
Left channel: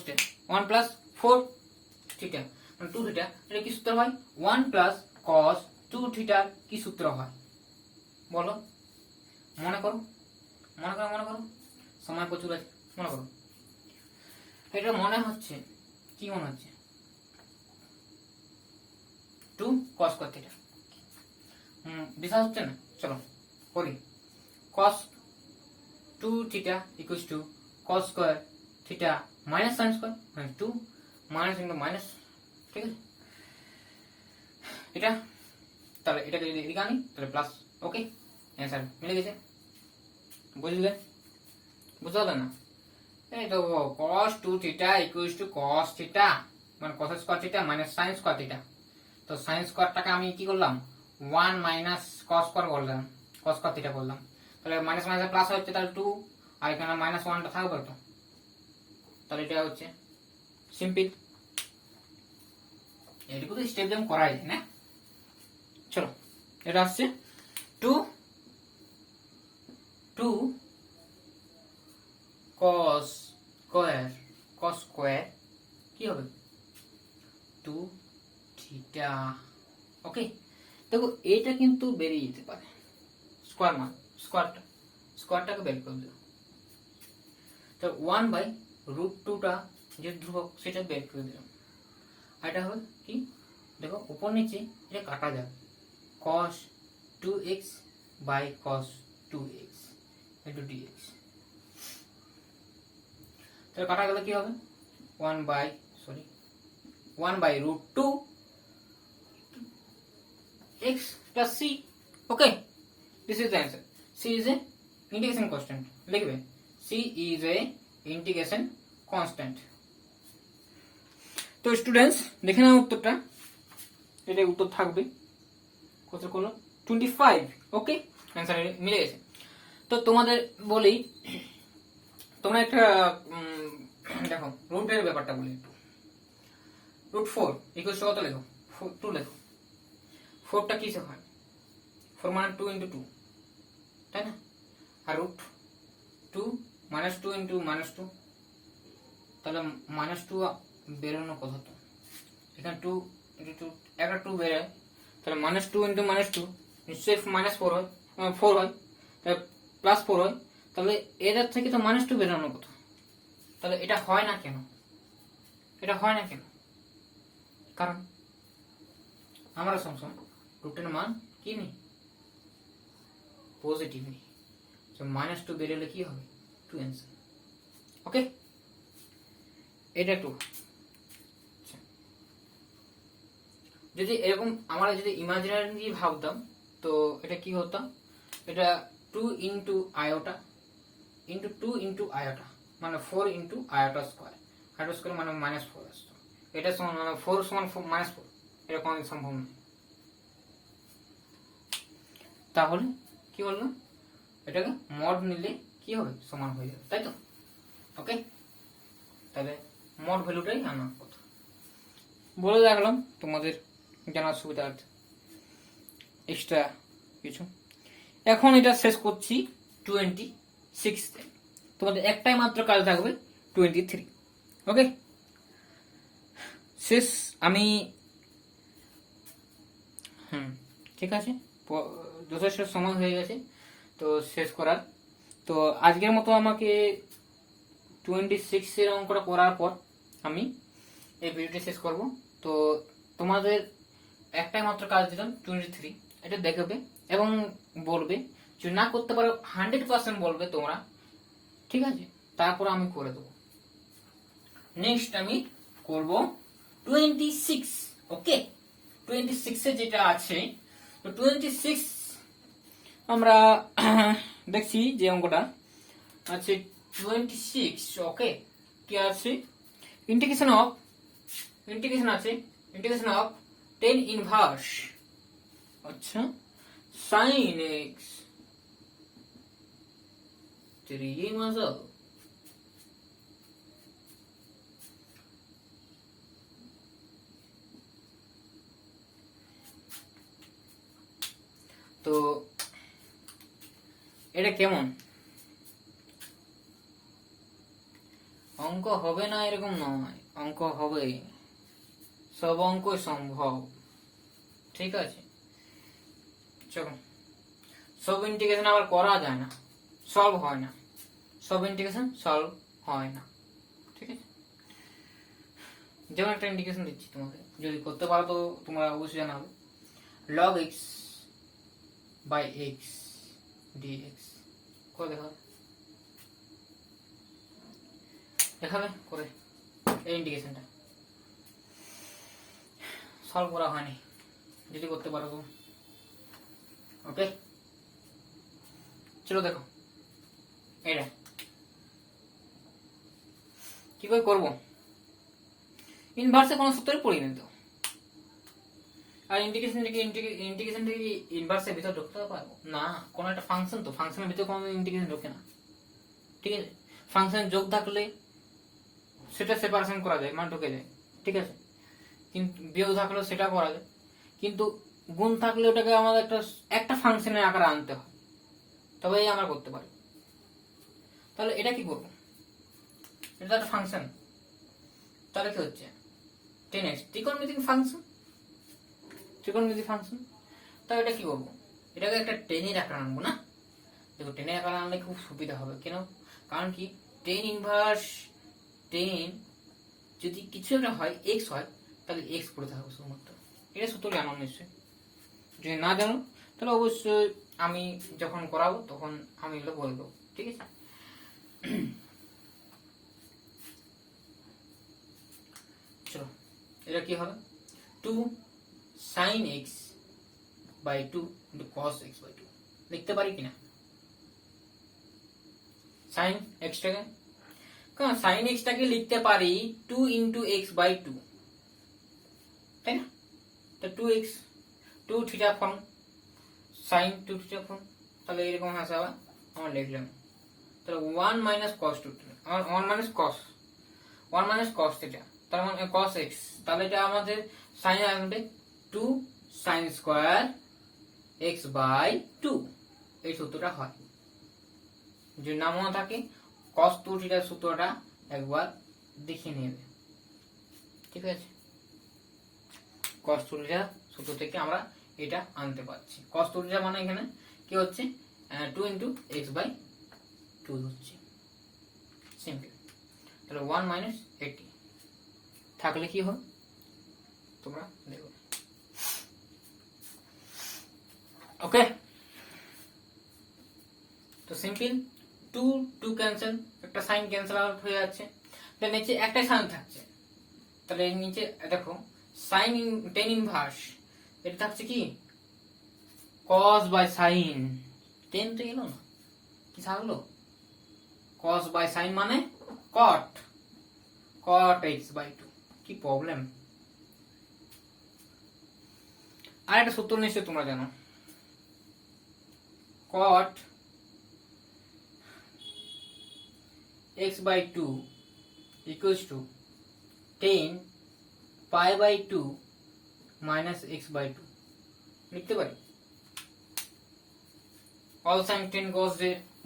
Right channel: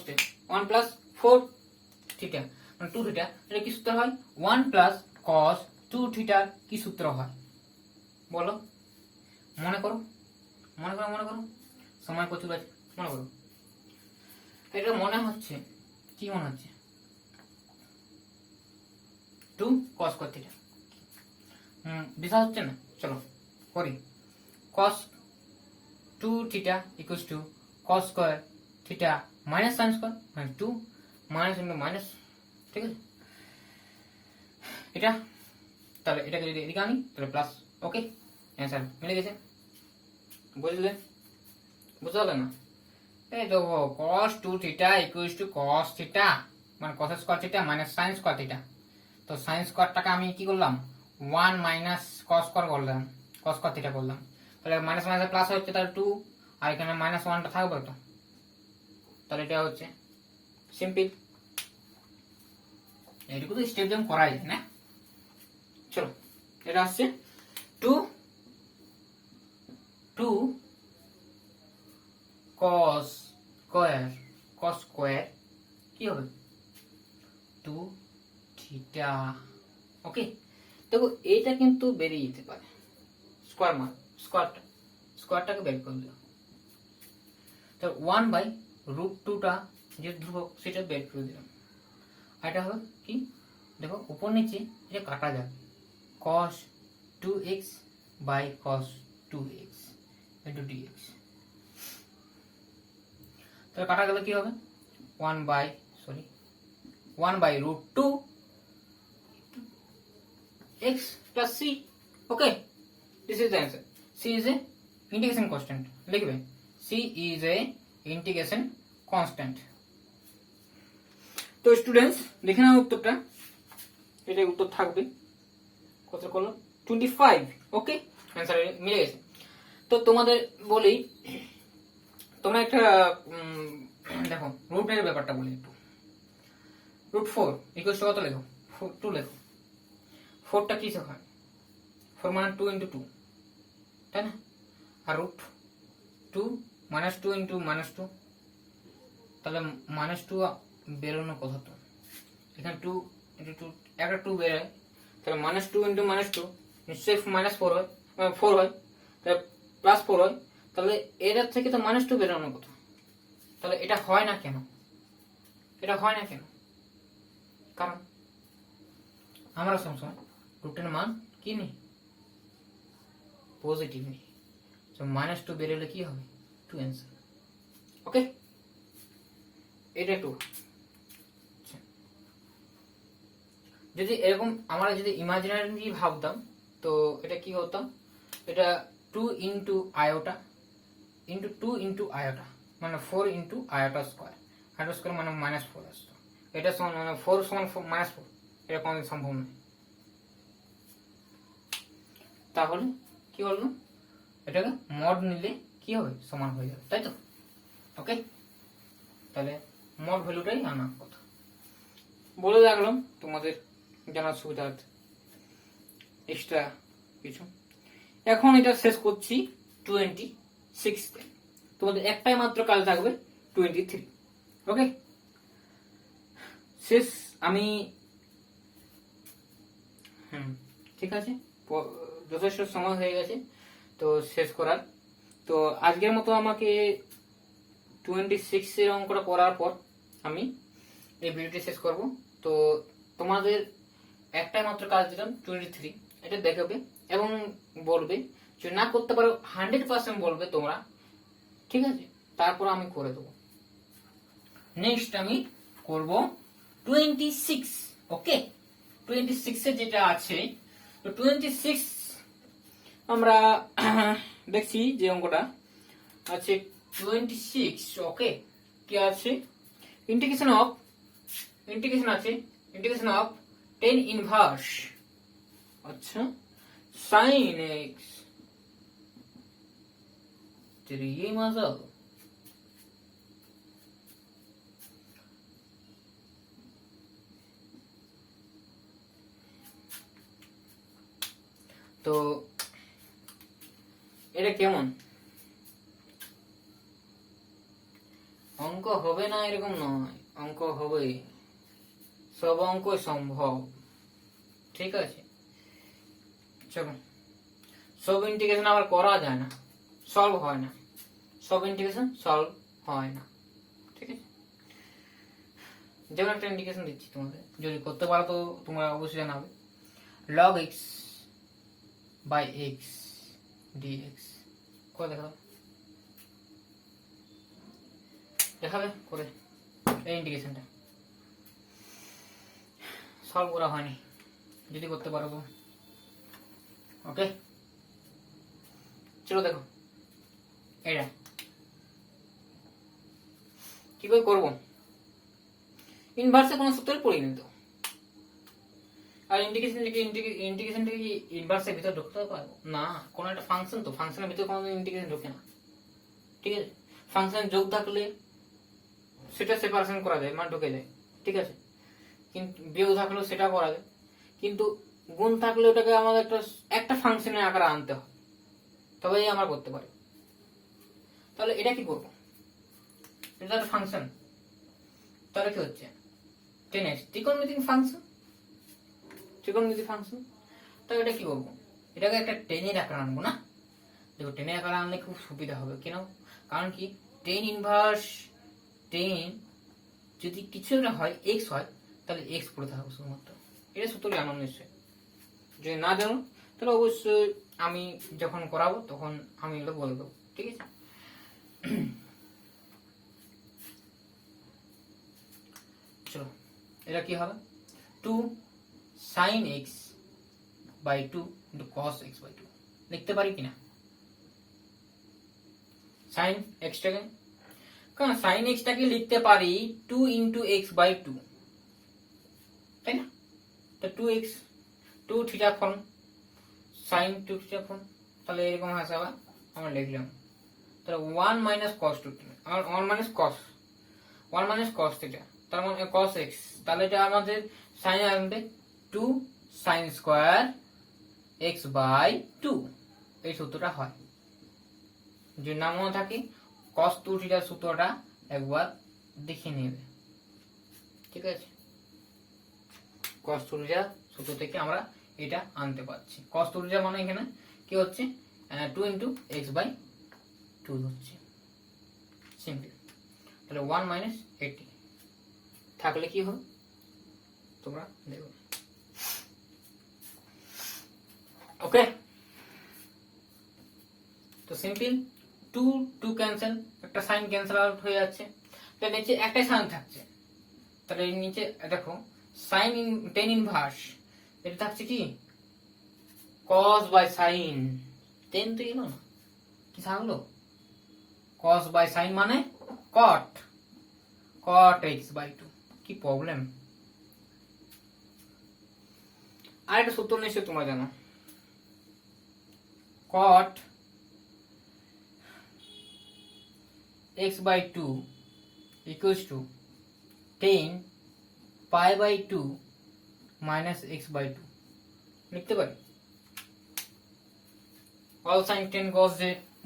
1 প্লাস 4 থিটা মানে 2 থিটা এটা কি সূত্র হয় 1 প্লাস cos 2 থিটা কি সূত্র হয় বলো মনে করো সময় প্রচুর আছে মনে করো এটা মনে হচ্ছে কি মনে হচ্ছে 2 cos থিটা বিশ্বাস হচ্ছে না চলো করি cos 2 theta equals to cos square theta minus sin square মানে 2 মাইনাস ইনটু মাইনাস ঠিক আছে এটা তাহলে এটাকে যদি এদিকে আনি তাহলে প্লাস ওকে অ্যান্সার মিলে গেছে বুঝলে বুঝলে না এই তো cos 2 theta equals to cos theta মানে cos square theta minus sin square theta তো sin স্কয়ারটাকে আমি কি করলাম 1 মাইনাস cos স্কয়ার করলাম cos স্কয়ার থিটা করলাম তাহলে মাইনাস মাইনাস প্লাস হচ্ছে তাহলে 2 আর এখানে মাইনাস 1টা থাকবে তো তাহলে এটা হচ্ছে সিম্পল এটুকু তো স্টেপ যেমন করা যায় না চলো এটা আসছে 2 cos স্কয়ার কি হবে 2 থিটা ওকে দেখো এটা কিন্তু বেরিয়ে যেতে পারে স্কয়ার মান স্কয়ারটাকে বের করে দাও তো 1 বাই √2 টা যে ধ্রুবক সেটা বের করে দিলাম আর এটা হবে কি দেখো উপর নিচে এটা কাটা যাবে cos 2x বাই cos 2x ইন্টু ডিএক্স। তাহলে কাটা গেলে কি হবে 1/√2 x plus c. Okay, this is the answer. C is a integration constant. লিখবে c is a integration constant. তো স্টুডেন্টস দেখে নাও উত্তরটা, এটা উত্তর থাকবে কত করলো 25। ওকে, অ্যান্সার মিলে গেছে। তো তোমাদের বলি, তোমরা একটা দেখো রুটের ব্যাপারটা বলি একটু। √4 ইকুয়াল টু কত লেখো 2 লেখো। 4টা কিসে হয় 4 মানে 2 × 2, তাই না? আর √2 -2 × -2, তাহলে -2 বেরোনো কথা তো এখানে 2 × 2 একটা 2 বেরোয়, তাহলে -2 × -2 নিশ্চয়ই -4 হয়, 4 হয়, তাহলে +4 হয়, তাহলে এটার থেকে তো -2 বেরোনো কথা। তাহলে এটা হয় না কেন? এটা হয় না কেন? কারণ আমরা সবসময় রুটের মান কি নেই, পজিটিভ নেই। তো -2 বেরোলে কি হবে 2 অ্যান্সার। ওকে, এটা 2। যদি এরকম আমরা যদি ইমাজিনারি ভাবতাম তো এটা কি হতো, এটা 2 × আয়োটা ইন্টু 2 × আয়োটা মানে 4 × আয়োটা স্কোয়ার, আয়োটা স্কোয়ার মানে -4 আসতো। এটা সমান মানে 4 সমান -4, এটা কোনো সম্ভব নয়। তাহলে কি বললো, এটাকে মড নিলে কি হবে সমান হয়ে যাবে, তাই তো? ওকে, তাহলে মড ভ্যালুটাই আনার কথা বলে রাখলাম তোমাদের জানার সুবিধার্থে, এক্সট্রা কিছু। এখন এটা শেষ করছি 26-তে, তোমাদের একটাই মাত্র কাজ থাকবে 23। ওকে, শেষ আমি ঠিক আছে, যথেষ্ট সময় হয়ে গেছে তো শেষ করার। তো আজকের মতো আমাকে 26 এর অঙ্কটা করার পর আমি এই ভিডিওটি শেষ করব। তো তোমাদের একটাই মাত্র কাজ দিলাম 23, এটা দেখবে এবং বলবে, যদি না করতে পারো 100% বলবে তোমরা, ঠিক আছে? তারপর আমি করে দেবো। নেক্সট আমি করব 26। ওকে, 26 এ যেটা আছে, তো 26 আমরা দেখছি যে অঙ্কটা আছে 26। ওকে, কি আছে, ইন্টিগ্রেশন আছে ইন্টিগ্রেশন অফ tan ইনভার্স, আচ্ছা, sin x 3 মাজা তো এটা কেমন অঙ্ক হবে না এরকম নয়, অঙ্ক হবে, সব অঙ্ক সম্ভব, ঠিক আছে? চলো, সব ইন্টিগ্রেশন আবার করা যায় না, সলভ হয় না, সব ইন্টিগ্রেশন সলভ হয় না, ঠিক আছে? যেমন একটা ইন্টিগ্রেশন দিচ্ছি তোমাকে, যদি করতে পারো তো তোমরা অবশ্যই জানাবে। log x by x dx করে দেখাবে করে এই ইন্টিগ্রেশনটা সলভ করা হয়নি, যদি করতে পারো তো। ওকে, চলো দেখো এটা কি করে করবো। ইনভার্সে কোনো সূত্রে পড়িনি তো, আর ইন্টিগ্রেশন কি ইনভার্সের ভিতর ঢুকতে পারবো না, কোন একটা ফাংশন তো, ফাংশনের ভিতরে কোনো ইন্টিগ্রেশন ঢোকে না, ঠিক আছে? ফাংশন যোগ থাকলে সেটা সেপারেশন করা যায়, মানে ঢুকে যায়, ঠিক আছে? কিন্তু বিয়োগ থাকলেও সেটা করা যায়, কিন্তু গুণ থাকলে ওটাকে আমাদের একটা ফাংশনের আকারে আনতে হয়, তবেই আমরা করতে পারি। তাহলে এটা কি করবো, এটা একটা ফাংশন, তাহলে কি হচ্ছে 10x ত্রিকোণমিতিক ফাংশন, তাহলে এটা কি করবো, এটাকে একটা টেনের আকারে আনবো না? দেখো টেনের আকারে আনলে খুব সুবিধা হবে, কেন? কারণ কি tan ইনভার্স 10 যদি কিছু একটা হয় x হয়, তাহলে x পড়ে থাকবে শুধুমাত্র। এটা সূত্র জানো নিশ্চয়ই, যদি না জানো তাহলে অবশ্যই আমি যখন করাবো তখন আমি এগুলো বলে দেবো, ঠিক ঠিক আছে। চলো এটা কি হবে, 2 sin x by 2 into cos x by 2 লিখতে পারি কিনা sin x টাকে, কারণ sin x টাকে লিখতে পারি 2 into x by 2, তাই না? তো 2x 2 theta form sin 2 theta form, তাহলে এরকম আসে আবার আমরা লিখলাম, তাহলে 1 minus cos 2 আর 1 minus cos থিটা, তার মানে cos x, তাহলে এটা আমাদের sin আসবে 2 sin স্কয়ার x by 2, এই সূত্রটা হয়। যদি না মনে থাকে cos 2 থিটার সূত্রটা একবার দেখে নেবে, ঠিক আছে? cos 2 থিটা সূত্র থেকে আমরা এটা আনতে পারছি। cos 2 থিটা মানে এখানে কি হচ্ছে 2 into x by 2 হচ্ছে, সিম্পল। তাহলে 1 minus 80 থাকলে কি হয় তোমরা দেখো, ওকে? তো সিম্পল 2 2 ক্যান্সেল, একটা সাইন ক্যান্সেল আউট হয়ে যাচ্ছে, তাহলে নিচে একটা সাইন থাকছে, তাহলে নিচে দেখো সাইন টেন ইনভার্স, এটা থাকছে কি cos বাই সাইন, টেন তো গেল না, কি থাকলো cos বাই সাইন মানে cot x বাই 2, কি প্রবলেম? আর একটা সূত্র নিশ্চয়ই তোমরা জানো, cot x by 2 equals to 10 pi by 2 minus x by 2 লিখতে পারি। cos sin 10 cos,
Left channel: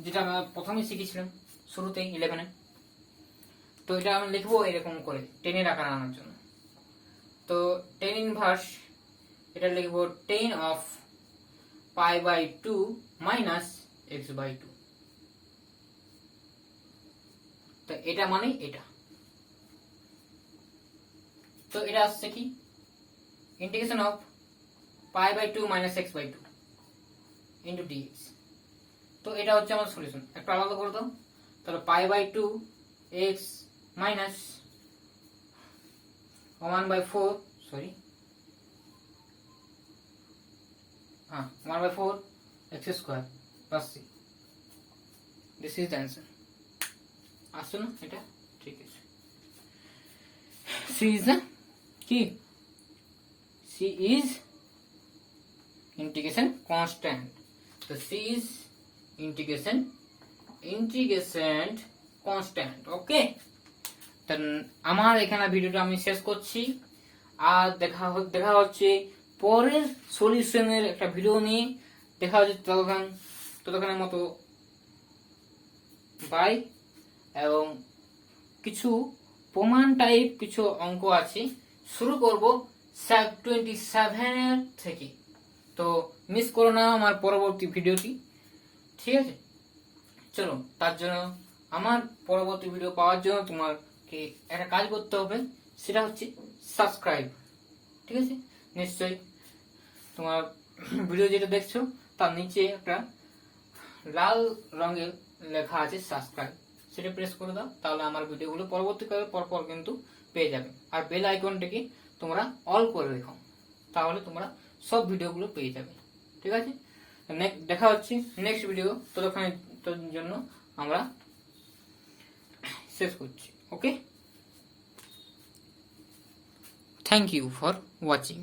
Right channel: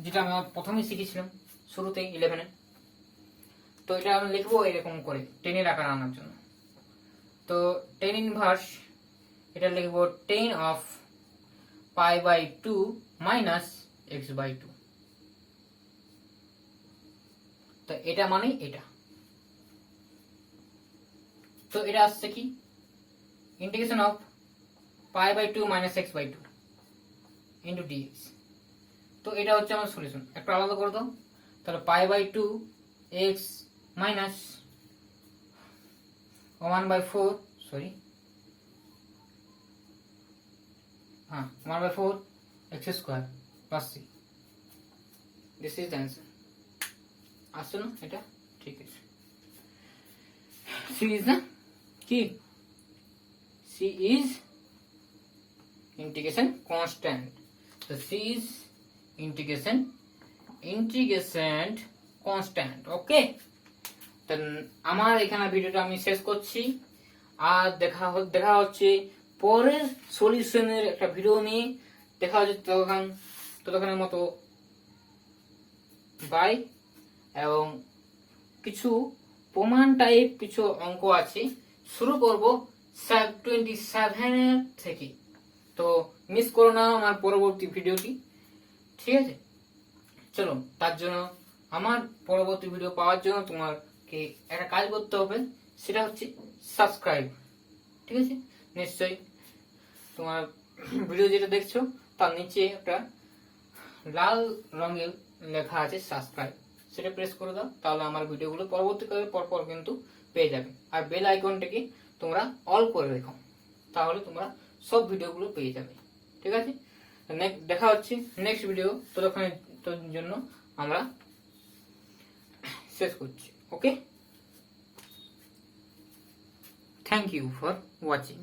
যেটা আমরা প্রথমেই শিখেছিলাম শুরুতে 11-এ, তো এটা আমি লিখবো এরকম করে 10 এর আকার আনার জন্য। তো 10 ইনভার্স এটা লিখবো 10 of pi by 2 minus x by 2, তো এটা মানে এটা, তো এটা আসছে কি integration of pi by 2 minus x by 2 into dx, তো এটা হচ্ছে আমার সলিউশন। একটা আলাদা করে দাও, তাহলে pi by 2 x minus 1 by 4 sorry 1 by 4 x square plus c, this is the answer। আসছে না এটা? ঠিক আছে। c is the কি, c is integration constant, so c is integration constant, ওকে? আমার এখানে ভিডিওটা আমি শেষ করছি, আর দেখা হচ্ছে পরের সলিউশনের একটা ভিডিও নিয়ে। দেখা হচ্ছে ততক্ষণের মতো বাই। এবং কিছু প্রমাণ টাইপ কিছু অঙ্ক আছে, শুরু করব 27 থেকে, তো মিস করো না আমার পরবর্তী ভিডিওটি, ঠিক আছে? চলো, তার জন্য আমার পরবর্তী ভিডিও পাওয়ার জন্য তোমাকে একটা কাজ করতে হবে, সেটা হচ্ছে সাবস্ক্রাইব, ঠিক আছে? নিশ্চয়ই তোমার ভিডিও যেটা দেখছো তার নিচে একটা লাল রঙের লেখা আছে সাবস্ক্রাইব, সেটা প্রেস করে দাও, তাহলে আমার ভিডিওগুলো পরবর্তীকালে পরপর কিন্তু পেয়ে যাবে। আর বেল আইকনটাকে তোমরা অল করে রেখো, তাহলে তোমরা সব ভিডিওগুলো পেয়ে যাবে, ঠিক আছে? দেখা হচ্ছে নেক্সট ভিডিও, ততক্ষণের জন্য আমরা শেষ করছি, okay? Thank you for watching.